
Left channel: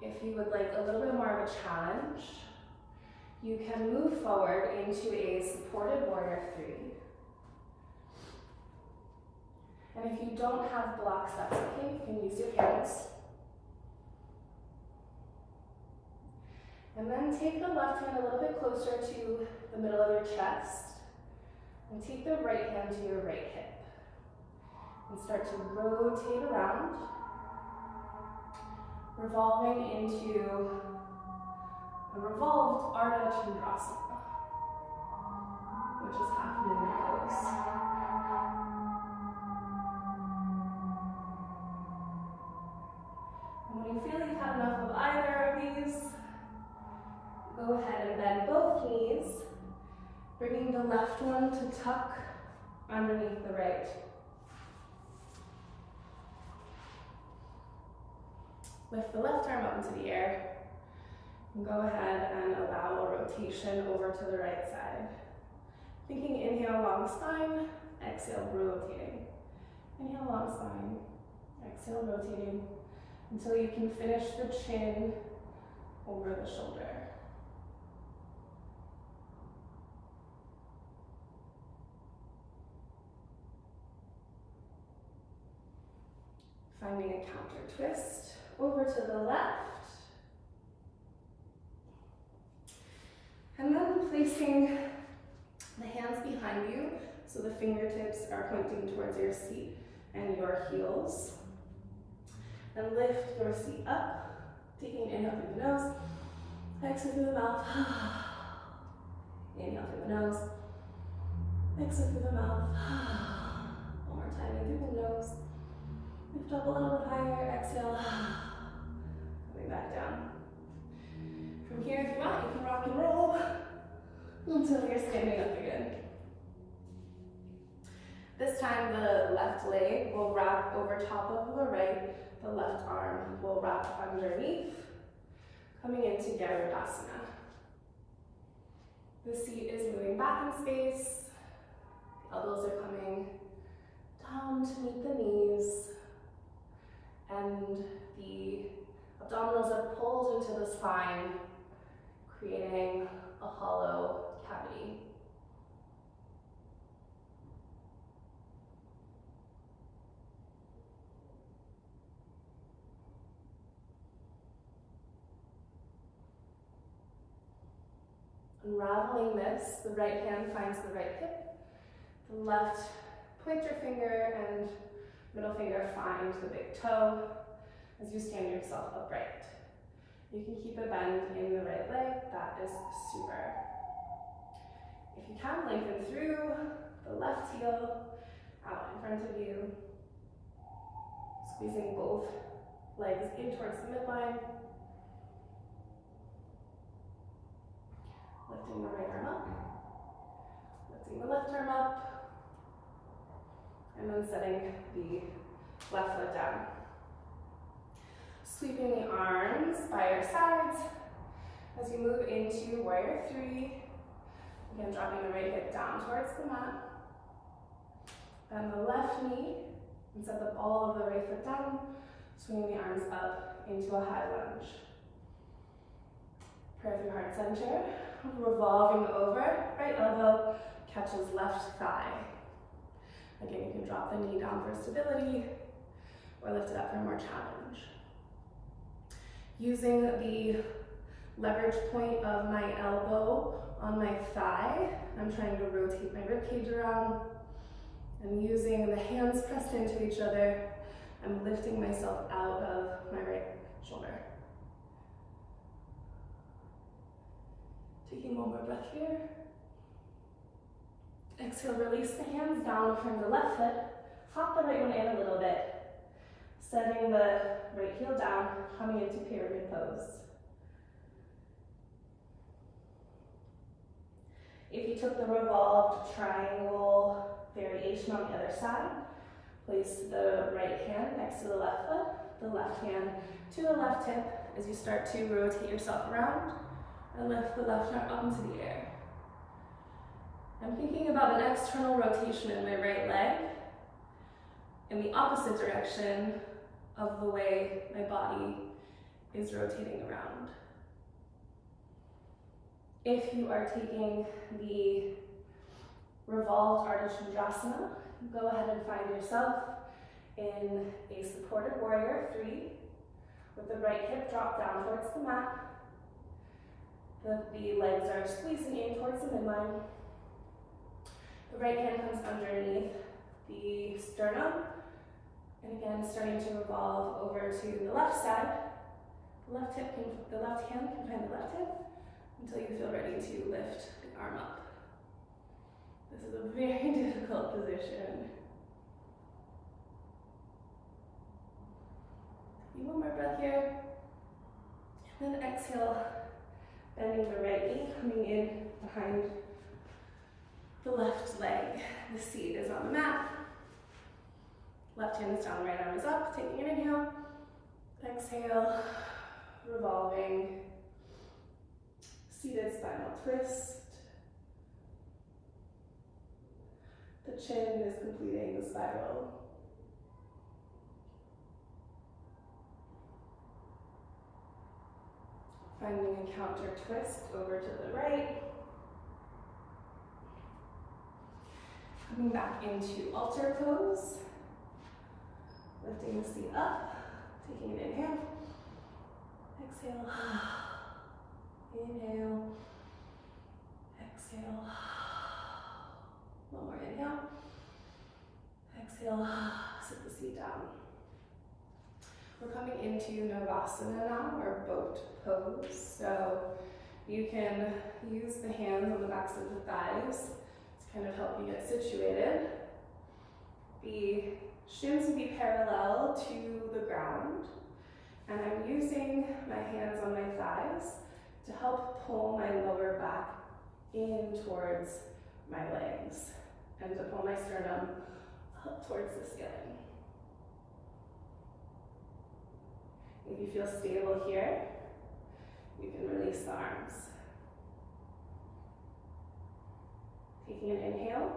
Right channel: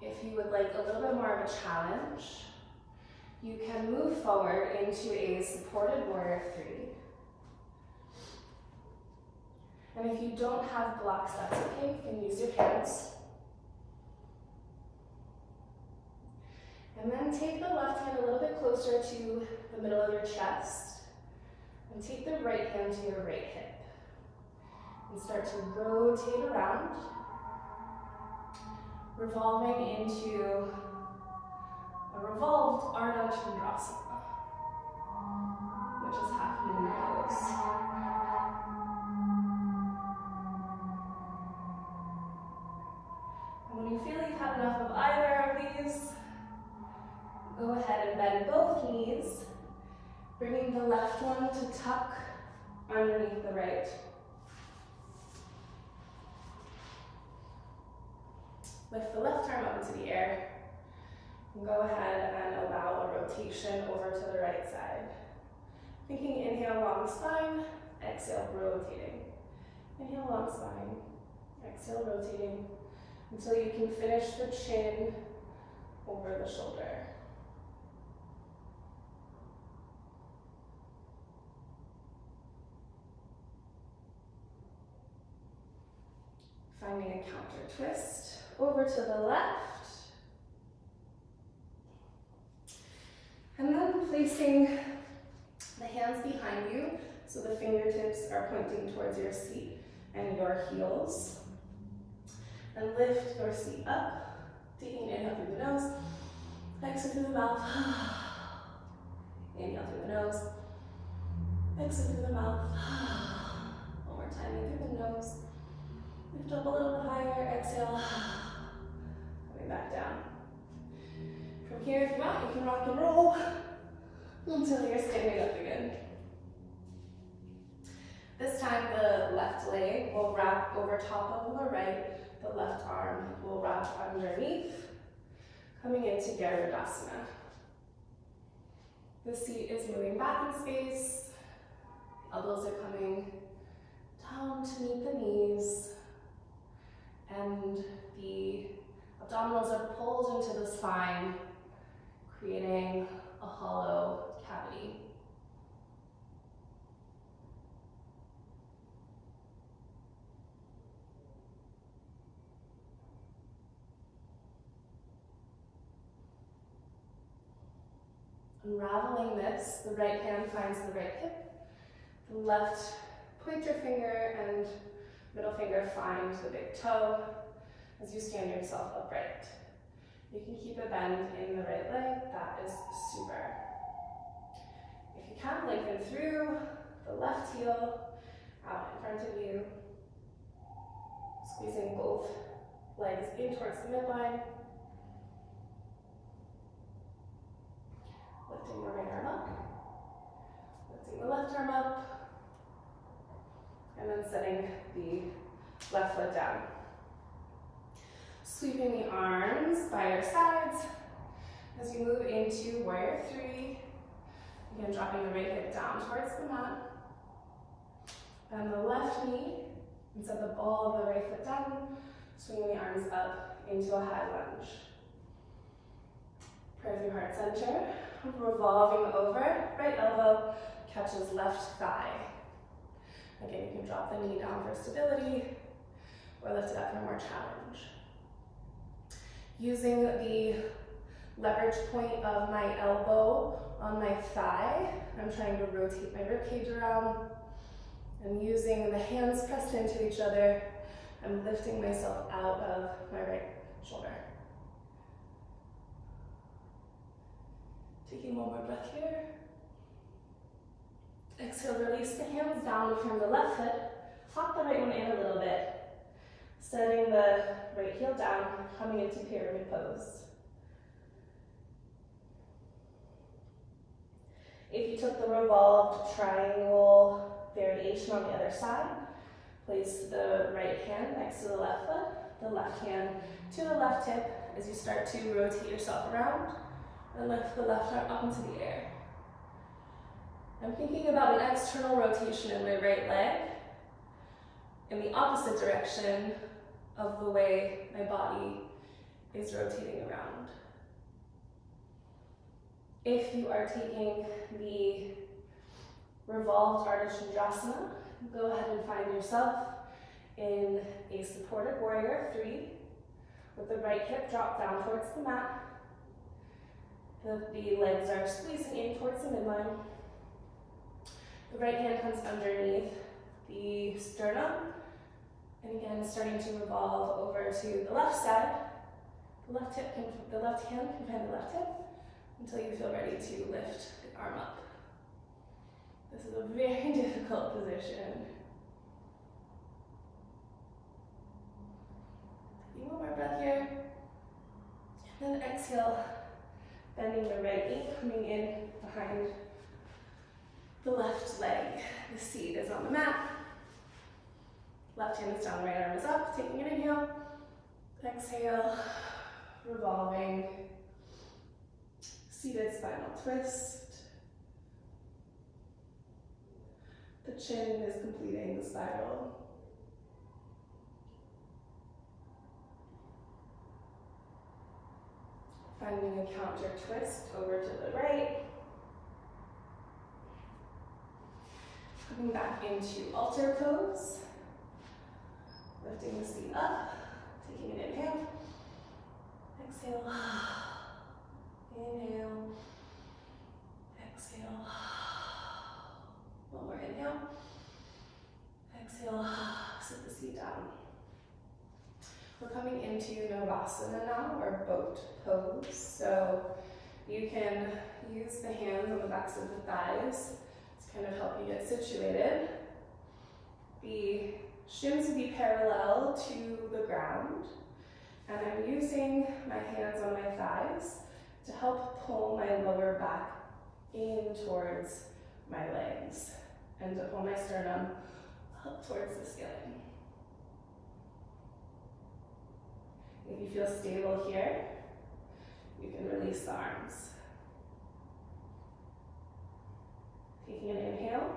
If you would like a little bit more of a challenge, you can move forward into a supported warrior three. And if you don't have blocks, that's okay. You can use your hands. And then take the left hand a little bit closer to the middle of your chest. And take the right hand to your right hip. And start to rotate around, revolving into a revolved Ardha Chandrasana, which is half moon pose. And when you feel you've had enough of either of these, go ahead and bend both knees, bringing the left one to tuck underneath the right. Lift the left arm up into the air, and go ahead and allow a rotation over to the right side. Thinking inhale, long spine, exhale, rotating. Inhale, long spine, exhale, rotating, until you can finish the chin over the shoulder. Finding a counter twist. Over to the left, and then placing the hands behind you so the fingertips are pointing towards your seat and your heels. And lift your seat up, taking an inhale through the nose, exhale through the mouth, inhale through the nose, exhale through the mouth, one more time in through the nose, lift up a little bit higher, exhale, coming back down. From here, if you want, you can rock and roll until you're standing up again. This time, the left leg will wrap over top of the right, the left arm will wrap underneath, coming into Garudasana. The seat is moving back in space, the elbows are coming down to meet the knees, and the abdominals are pulled into the spine, creating a hollow cavity. Unraveling this, the right hand finds the right hip, the left pointer finger and middle finger find the big toe as you stand yourself upright. You can keep a bend in the right leg, that is super. If you can, lengthen through the left heel, out in front front of you. Squeezing both legs in towards the midline. Lifting the right arm up. Lifting the left arm up. And then setting the left foot down. Sweeping the arms by your sides as you move into warrior three. Again, dropping the right hip down towards the mat. Bend the left knee and set the ball of the right foot down, swinging the arms up into a high lunge. Prayer through heart center, revolving over, right elbow catches left thigh. Again, you can drop the knee down for stability or lift it up for more challenge. Using the leverage point of my elbow on my thigh, I'm trying to rotate my rib cage around. And using the hands pressed into each other, I'm lifting myself out of my right shoulder. Taking one more breath here. Exhale, release the hands down behind the left foot. Hop the right one in a little bit. Setting the right heel down, coming into pyramid pose. If you took the revolved triangle variation on the other side, place the right hand next to the left foot, the left hand to the left hip as you start to rotate yourself around and lift the left arm up into the air. I'm thinking about an external rotation in my right leg in the opposite direction of the way my body is rotating around. If you are taking the Revolved Virasana, go ahead and find yourself in a supported warrior three with the right hip dropped down towards the mat. The legs are squeezing in towards the midline. The right hand comes underneath the sternum. And again, starting to revolve over to the left side. The left hand can find the left hip until you feel ready to lift the arm up. This is a very difficult position. Taking one more breath here. And then exhale, bending the right knee, coming in behind the left leg. The seat is on the mat. Left hand is down, the right arm is up. Taking an inhale. Exhale, revolving. Seated spinal twist. The chin is completing the spiral. Finding a counter twist over to the right. Coming back into altar pose. Lifting the seat up, taking an inhale. Exhale. Inhale. Exhale. One more inhale. Exhale. Sit the seat down. We're coming into Virasana now, or boat pose. So you can use the hands on the backs of the thighs to kind of help you get situated. The shins will be parallel to the ground, and I'm using my hands on my thighs to help pull my lower back in towards my legs and to pull my sternum up towards the ceiling. If you feel stable here, you can release the arms. Taking an inhale,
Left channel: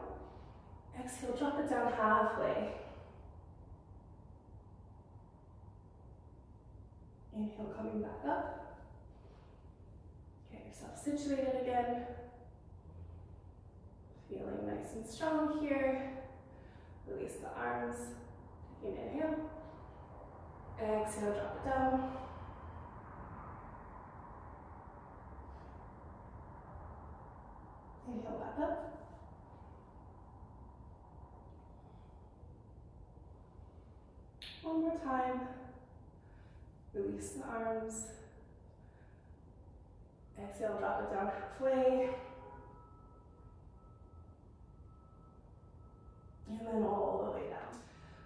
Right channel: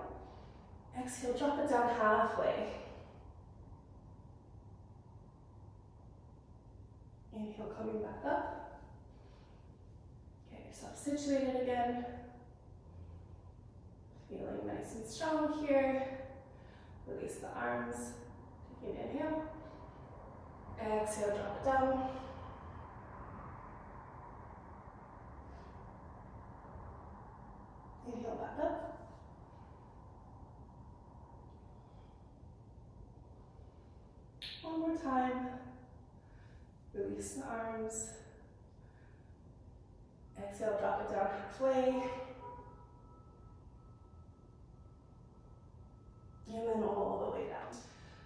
exhale, drop it down halfway. Inhale, coming back up. Get yourself situated again. Feeling nice and strong here. Release the arms. Taking an inhale. Exhale, drop it down. Inhale, back up. One more time. Release the arms. Exhale, drop it down halfway. And then all the way down.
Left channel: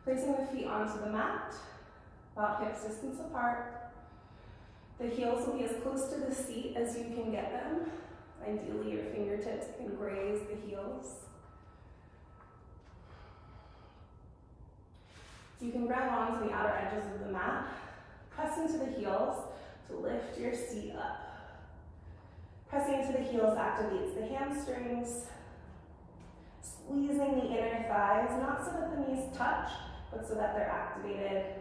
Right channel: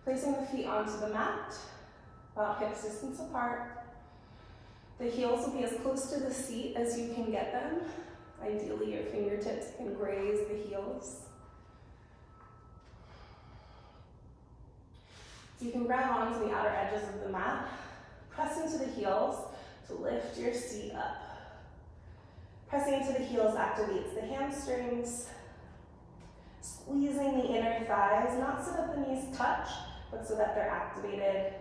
Placing the feet onto the mat, about hips distance apart. The heels will be as close to the seat as you can get them. Ideally, your fingertips can graze the heels. You can grab onto the outer edges of the mat, press into the heels to lift your seat up. Pressing into the heels activates the hamstrings, squeezing the inner thighs, not so that the knees touch, but so that they're activated.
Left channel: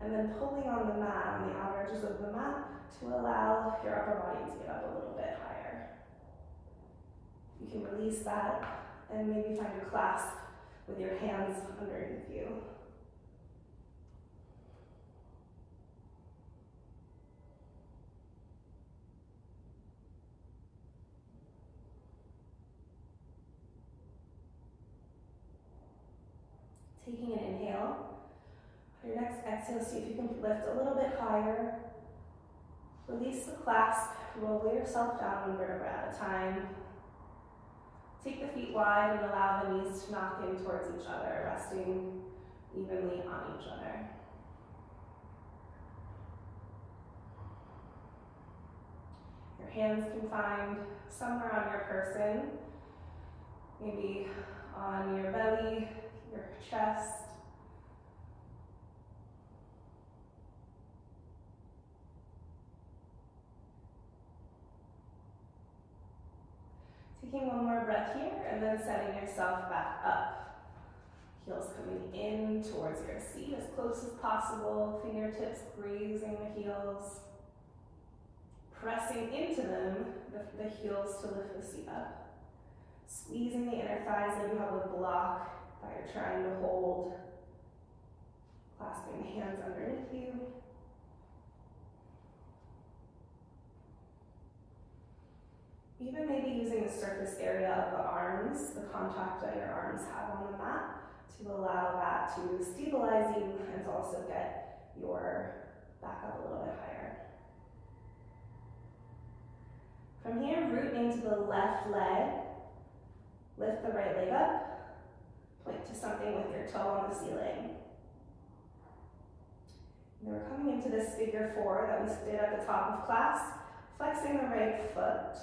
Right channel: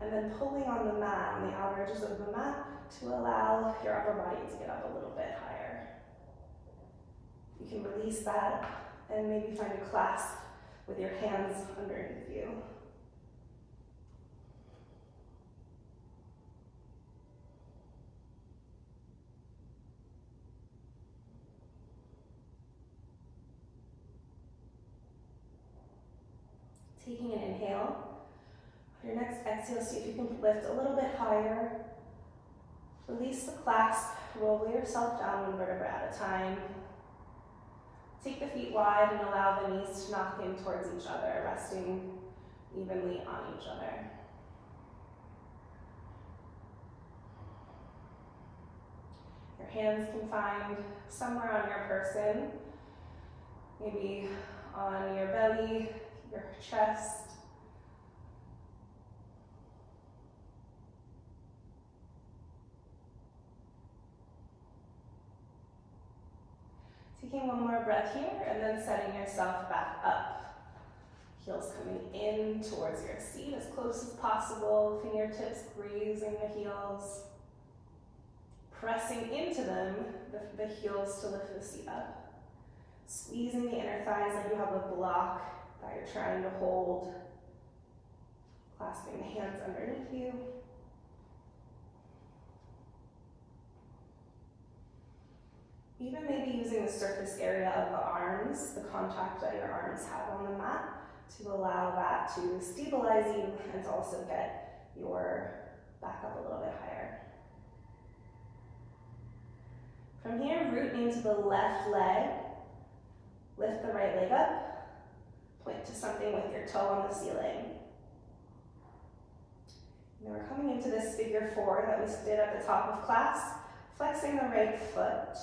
And then pulling on the mat, on the outer edges of the mat, to allow your upper body to get up a little bit higher. You can release that and maybe find a clasp with your hands underneath you. Taking an inhale. On your next exhale, see if you can lift a little bit higher. Release the clasp, roll yourself down one vertebra at a time. Take the feet wide and allow the knees to knock in towards each other, resting evenly on each other. Your hands can find somewhere on your person, maybe on your belly, your chest. Taking one more breath here and then setting yourself back up. Heels coming in towards your seat as close as possible, fingertips grazing the heels. Pressing into them, the heels to lift the seat up. Squeezing the inner thighs like you have a block that you're trying to hold. Clasping the hands underneath you. Even maybe using the surface area of the arms, the contact that your arms have on the mat, to allow that to stabilize you and to also get your back up a little bit higher. From here, root into the left leg. Lift the right leg up. Point to something with your toe on the ceiling. And then we're coming into this figure four that we did at the top of class, flexing the right foot.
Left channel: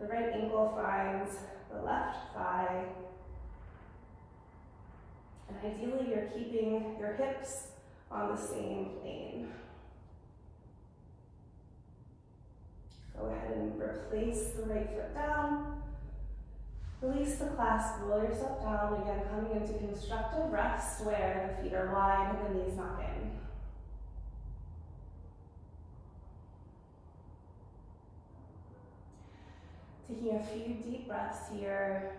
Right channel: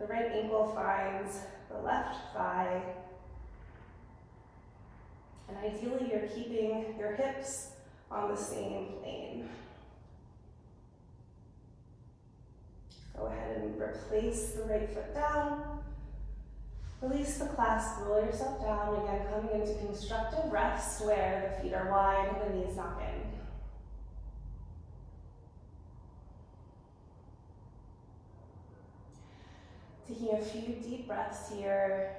The right ankle finds the left thigh. And ideally, you're keeping your hips on the same plane. Go ahead and replace the right foot down. Release the clasp, roll yourself down. Again, coming into constructive rest where the feet are wide and the knees knock in. Taking a few deep breaths here.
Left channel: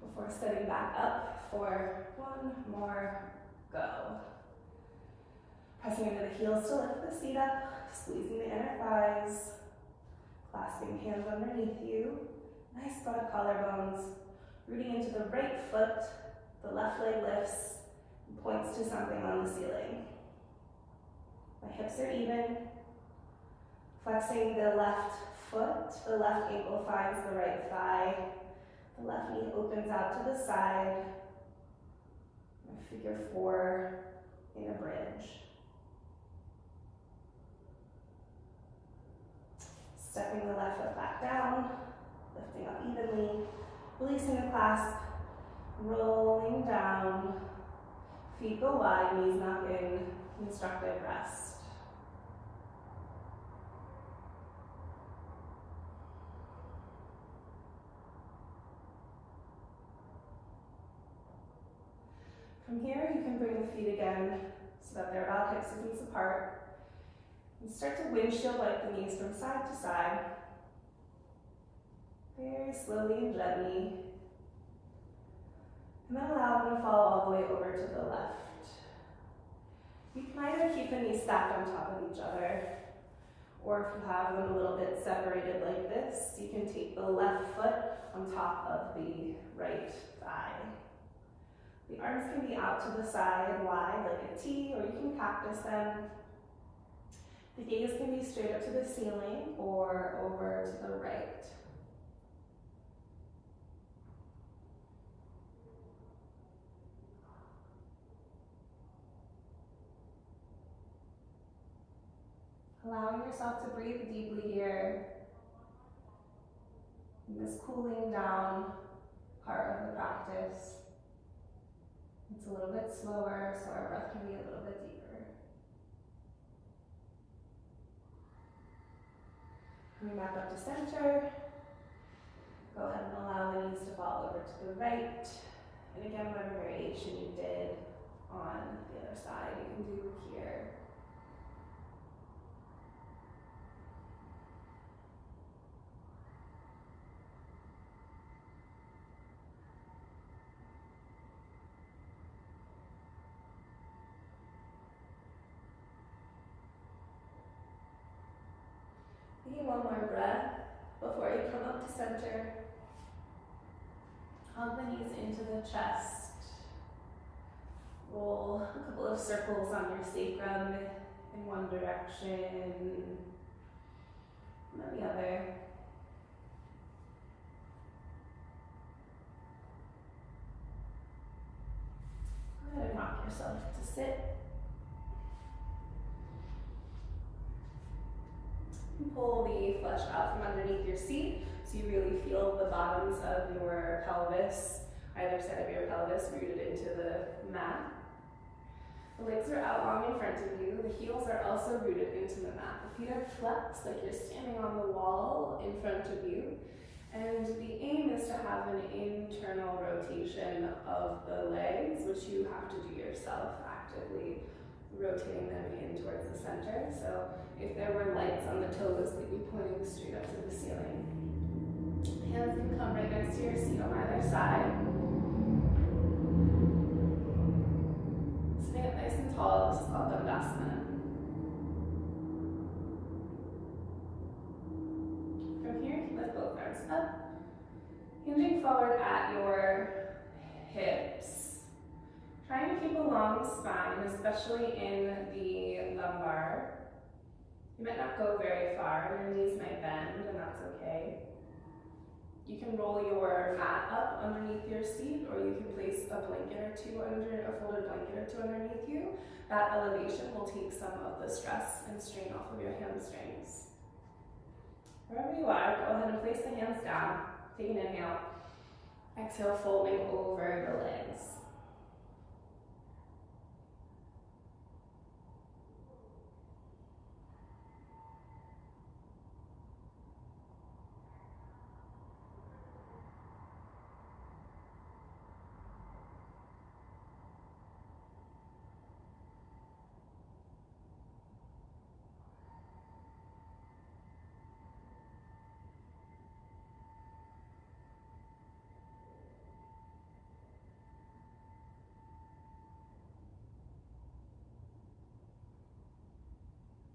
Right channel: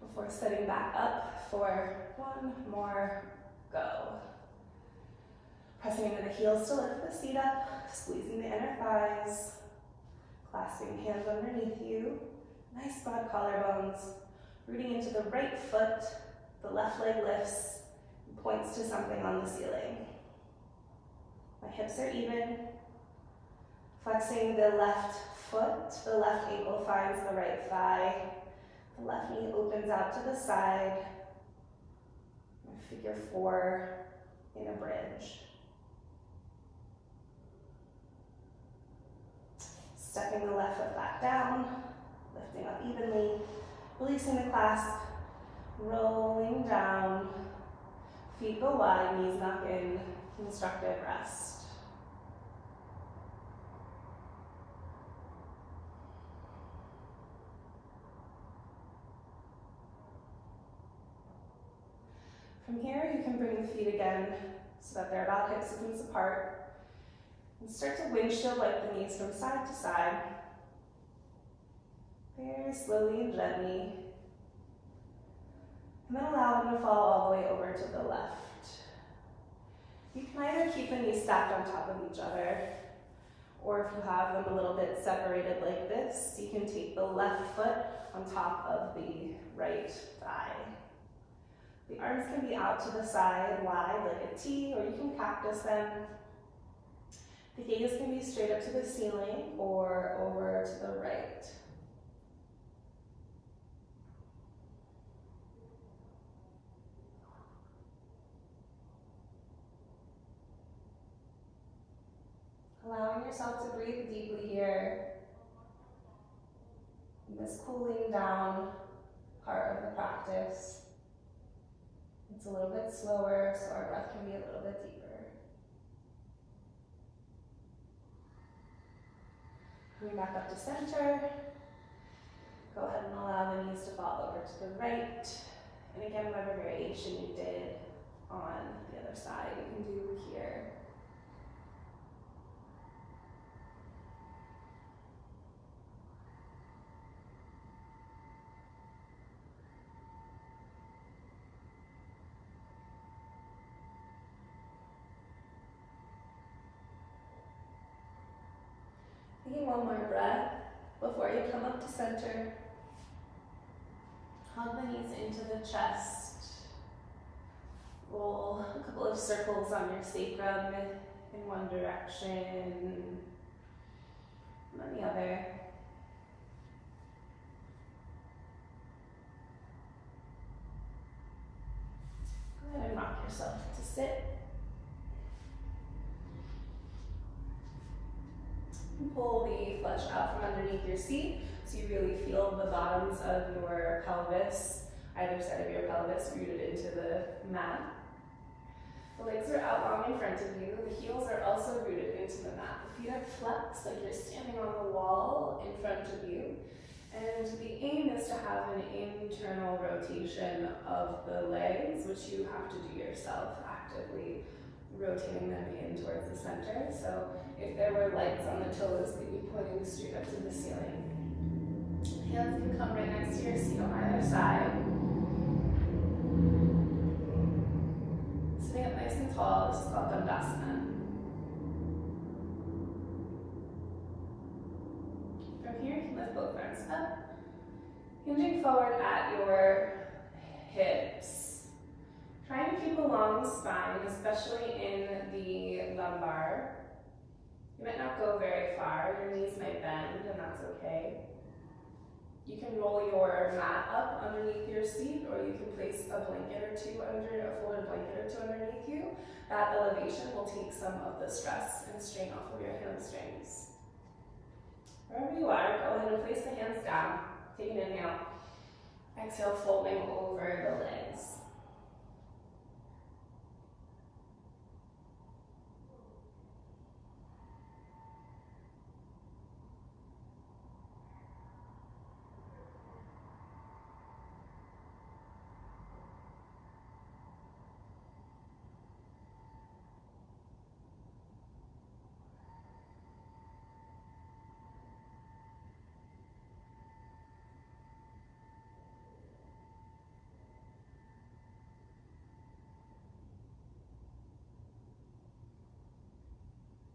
Before setting back up for one more go. Pressing into the heels to lift the seat up, squeezing the inner thighs, clasping hands underneath you. Nice broad collarbones. Rooting into the right foot, the left leg lifts and points to something on the ceiling. My hips are even. Flexing the left foot, the left ankle finds the right thigh. The left knee opens out to the side. Figure four in a bridge. Stepping the left foot back down, lifting up evenly, releasing the clasp, rolling down. Feet go wide, knees knock in, constructive rest. From here, you can bring the feet again so that they're about hip distance apart. And start to windshield like the knees from side to side. Very slowly and gently. And then allow them to fall all the way over to the left. You can either keep the knees stacked on top of each other, or if you have them a little bit separated like this, you can take the left foot on top of the right thigh. The arms can be out to the side and wide like a T, or you can cactus them. The gaze can be straight up to the ceiling or over to the right. Allowing yourself to breathe deeply here in this cooling down part of the practice. It's a little bit slower, so our breath can be a little bit deeper. Coming back up to center. Go ahead and allow the knees to fall over to the right. And again, whatever variation you did on the other side, you can do here. Taking one more breath before you come up to center. Hug the knees into the chest. Roll a couple of circles on your sacrum in one direction and then the other. Go ahead and rock yourself to sit. Pull the flesh out from underneath your seat so you really feel the bottoms of your pelvis, either side of your pelvis, rooted into the mat. The legs are out long in front of you. The heels are also rooted into the mat. The feet are flexed like you're standing on the wall in front of you. And the aim is to have an internal rotation of the legs, which you have to do yourself actively, rotating them in towards the center. So if there were lights on the toes, they'd be pointing straight up to the ceiling. Hands can come right next to your seat on either side. Sitting up nice and tall, this is called Garudasana. From here, you can lift both arms up, hinging forward at your hips. Trying to keep a long spine, especially in the lumbar. You might not go very far, your knees might bend, and that's okay. You can roll your mat up underneath your seat, or you can place a blanket or two under, a folded blanket or two underneath you. That elevation will take some of the stress and strain off of your hamstrings. Wherever you are, go ahead and place the hands down. Take an inhale. Exhale, folding over the legs.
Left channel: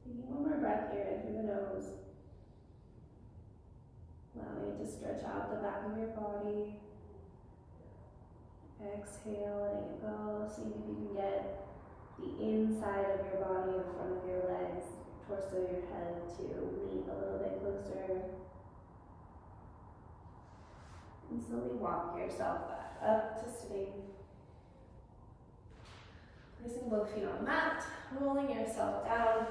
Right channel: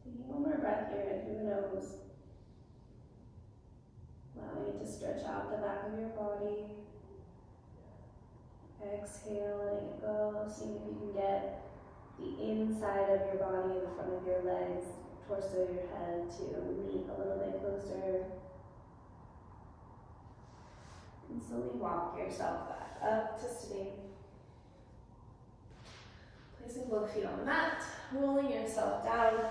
Taking one more breath here in through the nose. Allowing it to stretch out the back of your body. Exhale, letting it go. Seeing if you can get the inside of your body, the front of your legs, torso, your head to meet a little bit closer. And slowly walk yourself back up to sitting. Placing both feet on the mat, rolling yourself down.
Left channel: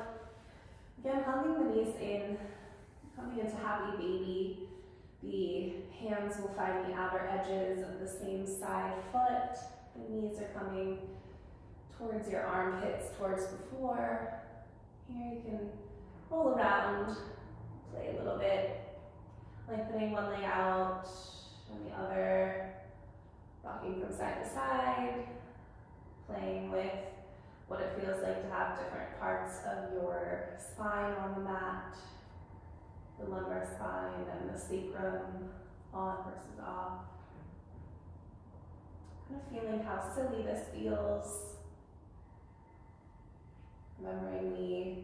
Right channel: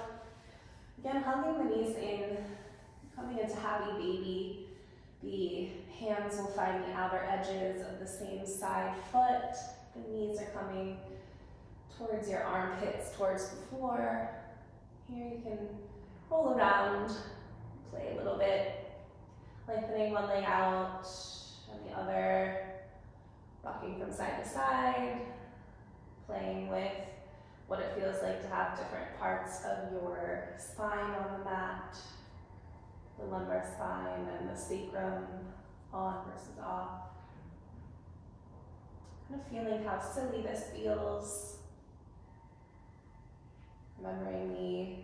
Again, hugging the knees in, coming into happy baby. The hands will find the outer edges of the same side foot. The knees are coming towards your armpits, towards the floor. Here you can roll around, play a little bit, lengthening one leg out and the other, rocking from side to side, playing with what it feels like to have different parts of your spine on the mat, the lumbar spine and the sacrum on versus off. Kind of feeling how silly this feels. Remembering the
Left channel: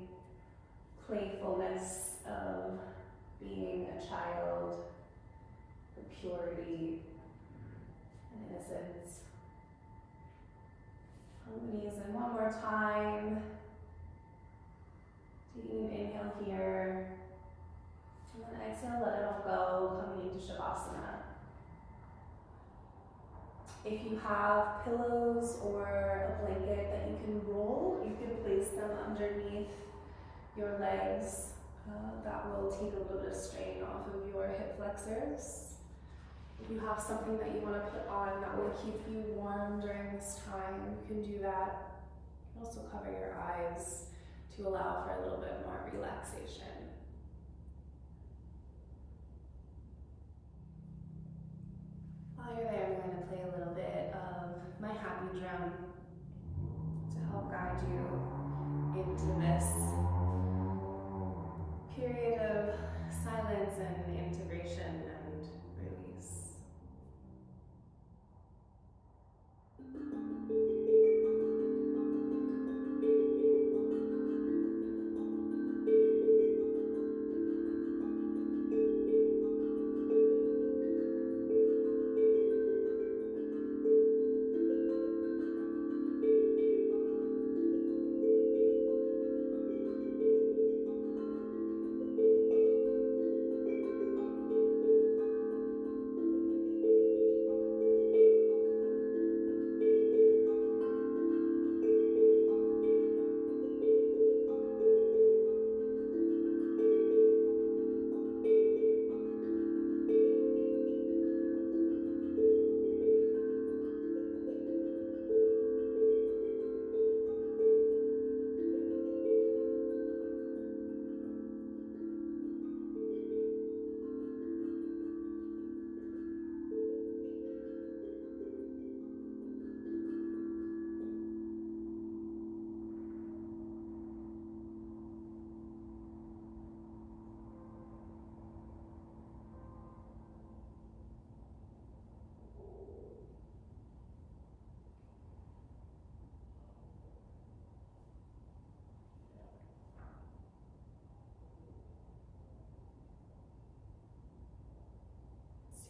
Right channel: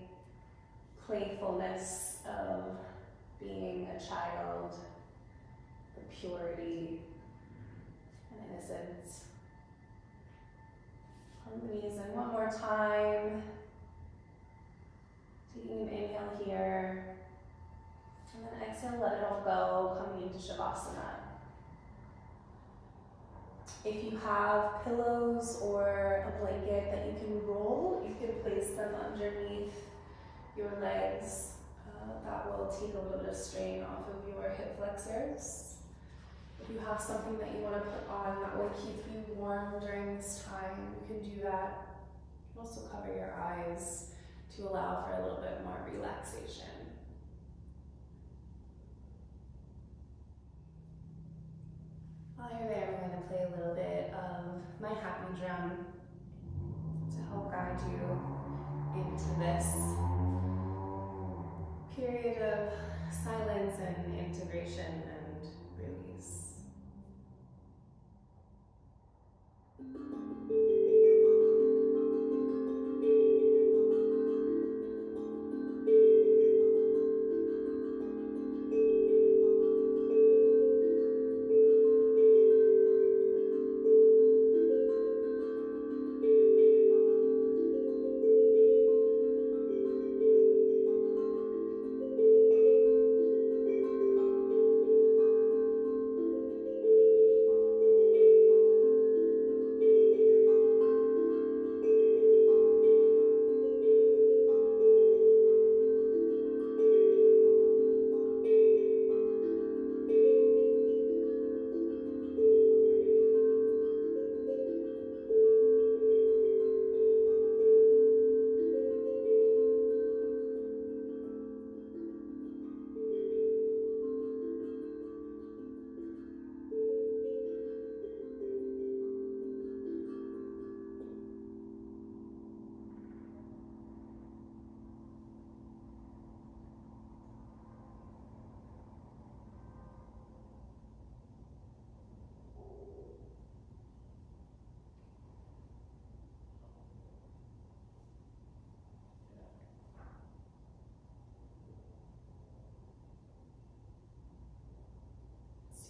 playfulness of being a child, the purity and innocence. On the knees in one more time. Taking an inhale here. And then exhale, let it all go, coming into Shavasana. If you have pillows or a blanket that you can roll, you can place them underneath your legs. That will take a little bit of strain off of your hip flexors. If you have something that you want to put on that will keep you warm during this time, you can do that. You can also cover your eyes to allow for a little bit more relaxation. While you're there, I'm going to play a little bit of my happy drum to help guide you into this period of silence and integration and release.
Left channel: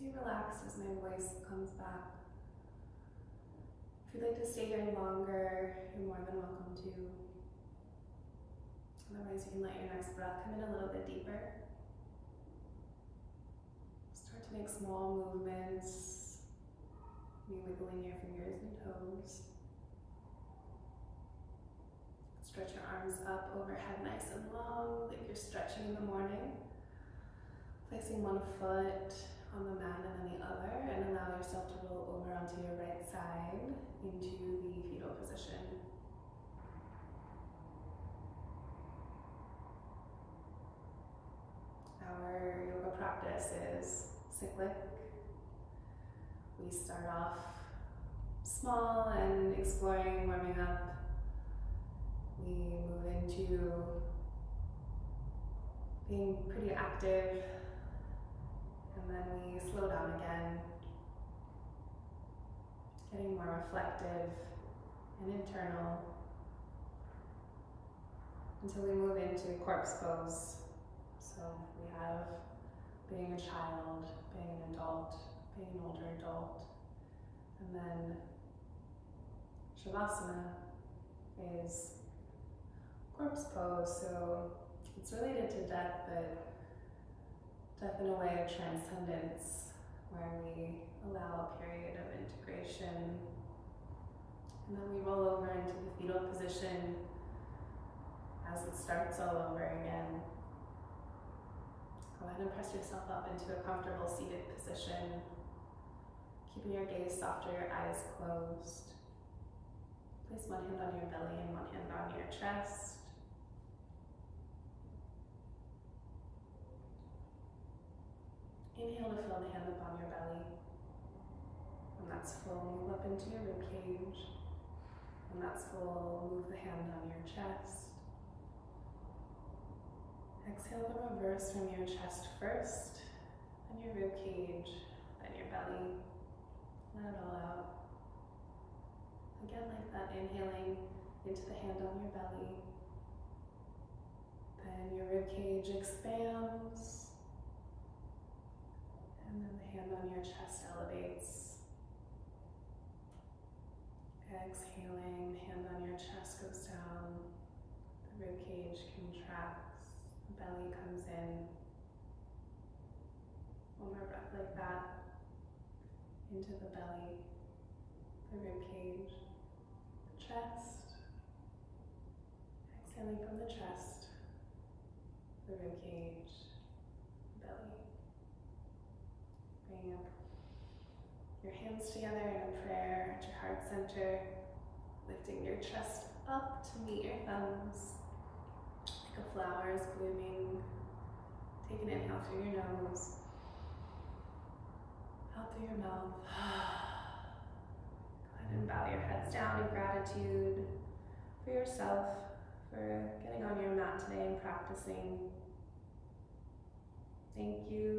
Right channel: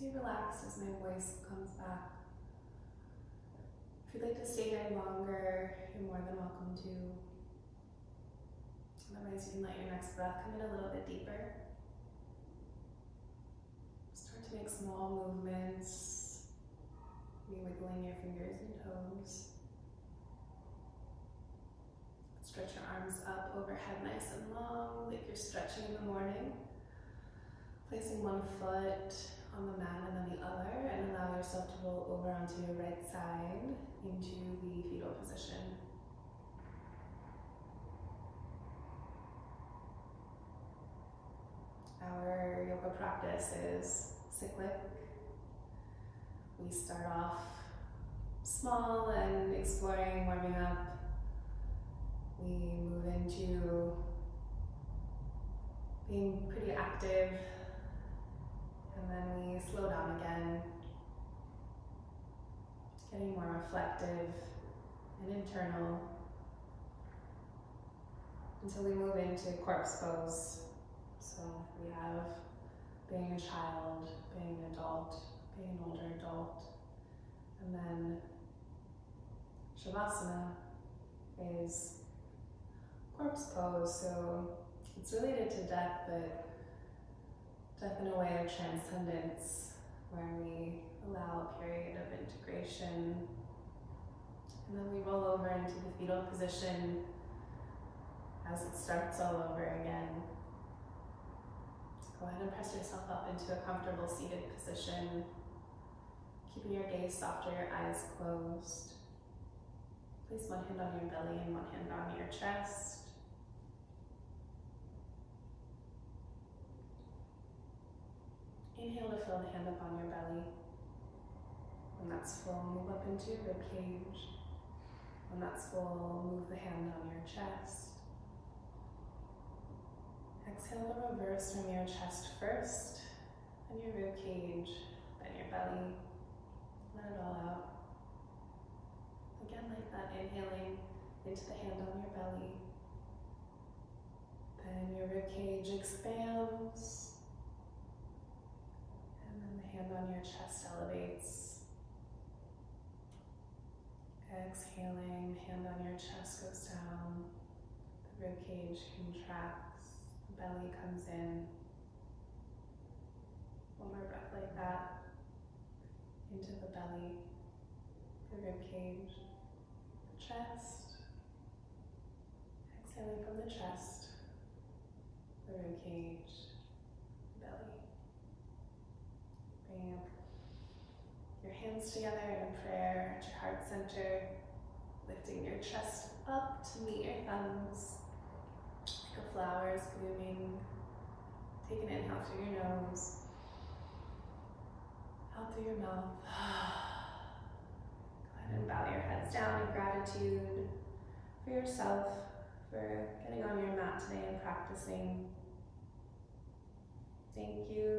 Stay relaxed as my voice comes back. If you'd like to stay here longer, you're more than welcome to. Otherwise, you can let your next breath come in a little bit deeper. Start to make small movements, maybe wiggling your fingers and toes. Stretch your arms up overhead nice and long, like you're stretching in the morning. Placing one foot on the mat and then the other, and allow yourself to roll over onto your right side into the fetal position. Our yoga practice is cyclic. We start off small and exploring, warming up. We move into being pretty active, and then we slow down again, getting more reflective and internal until we move into corpse pose. So we have being a child, being an adult, being an older adult, and then Shavasana is corpse pose. So it's related to death, but death in a way of transcendence, where we allow a period of integration, and then we roll over into the fetal position as it starts all over again. Go ahead and press yourself up into a comfortable seated position, keeping your gaze soft or your eyes closed. Place one hand on your belly and one hand on your chest. Inhale to fill the hand up on your belly. When that's full, move up into your rib cage. When that's full, move the hand on your chest. Exhale the reverse from your chest first, then your rib cage, then your belly. Let it all out. Again, like that, inhaling into the hand on your belly. Then your rib cage expands. And then the hand on your chest elevates. Exhaling, hand on your chest goes down. The rib cage contracts. The belly comes in. One more breath like that. Into the belly, the rib cage, the chest. Exhaling from the chest, ribcage, belly. Bring your hands together in a prayer at your heart center, lifting your chest up to meet your thumbs, like a flower is blooming. Take an inhale through your nose, out through your mouth. Go ahead and bow your heads down in gratitude for yourself, for getting on your mat today and practicing. Thank you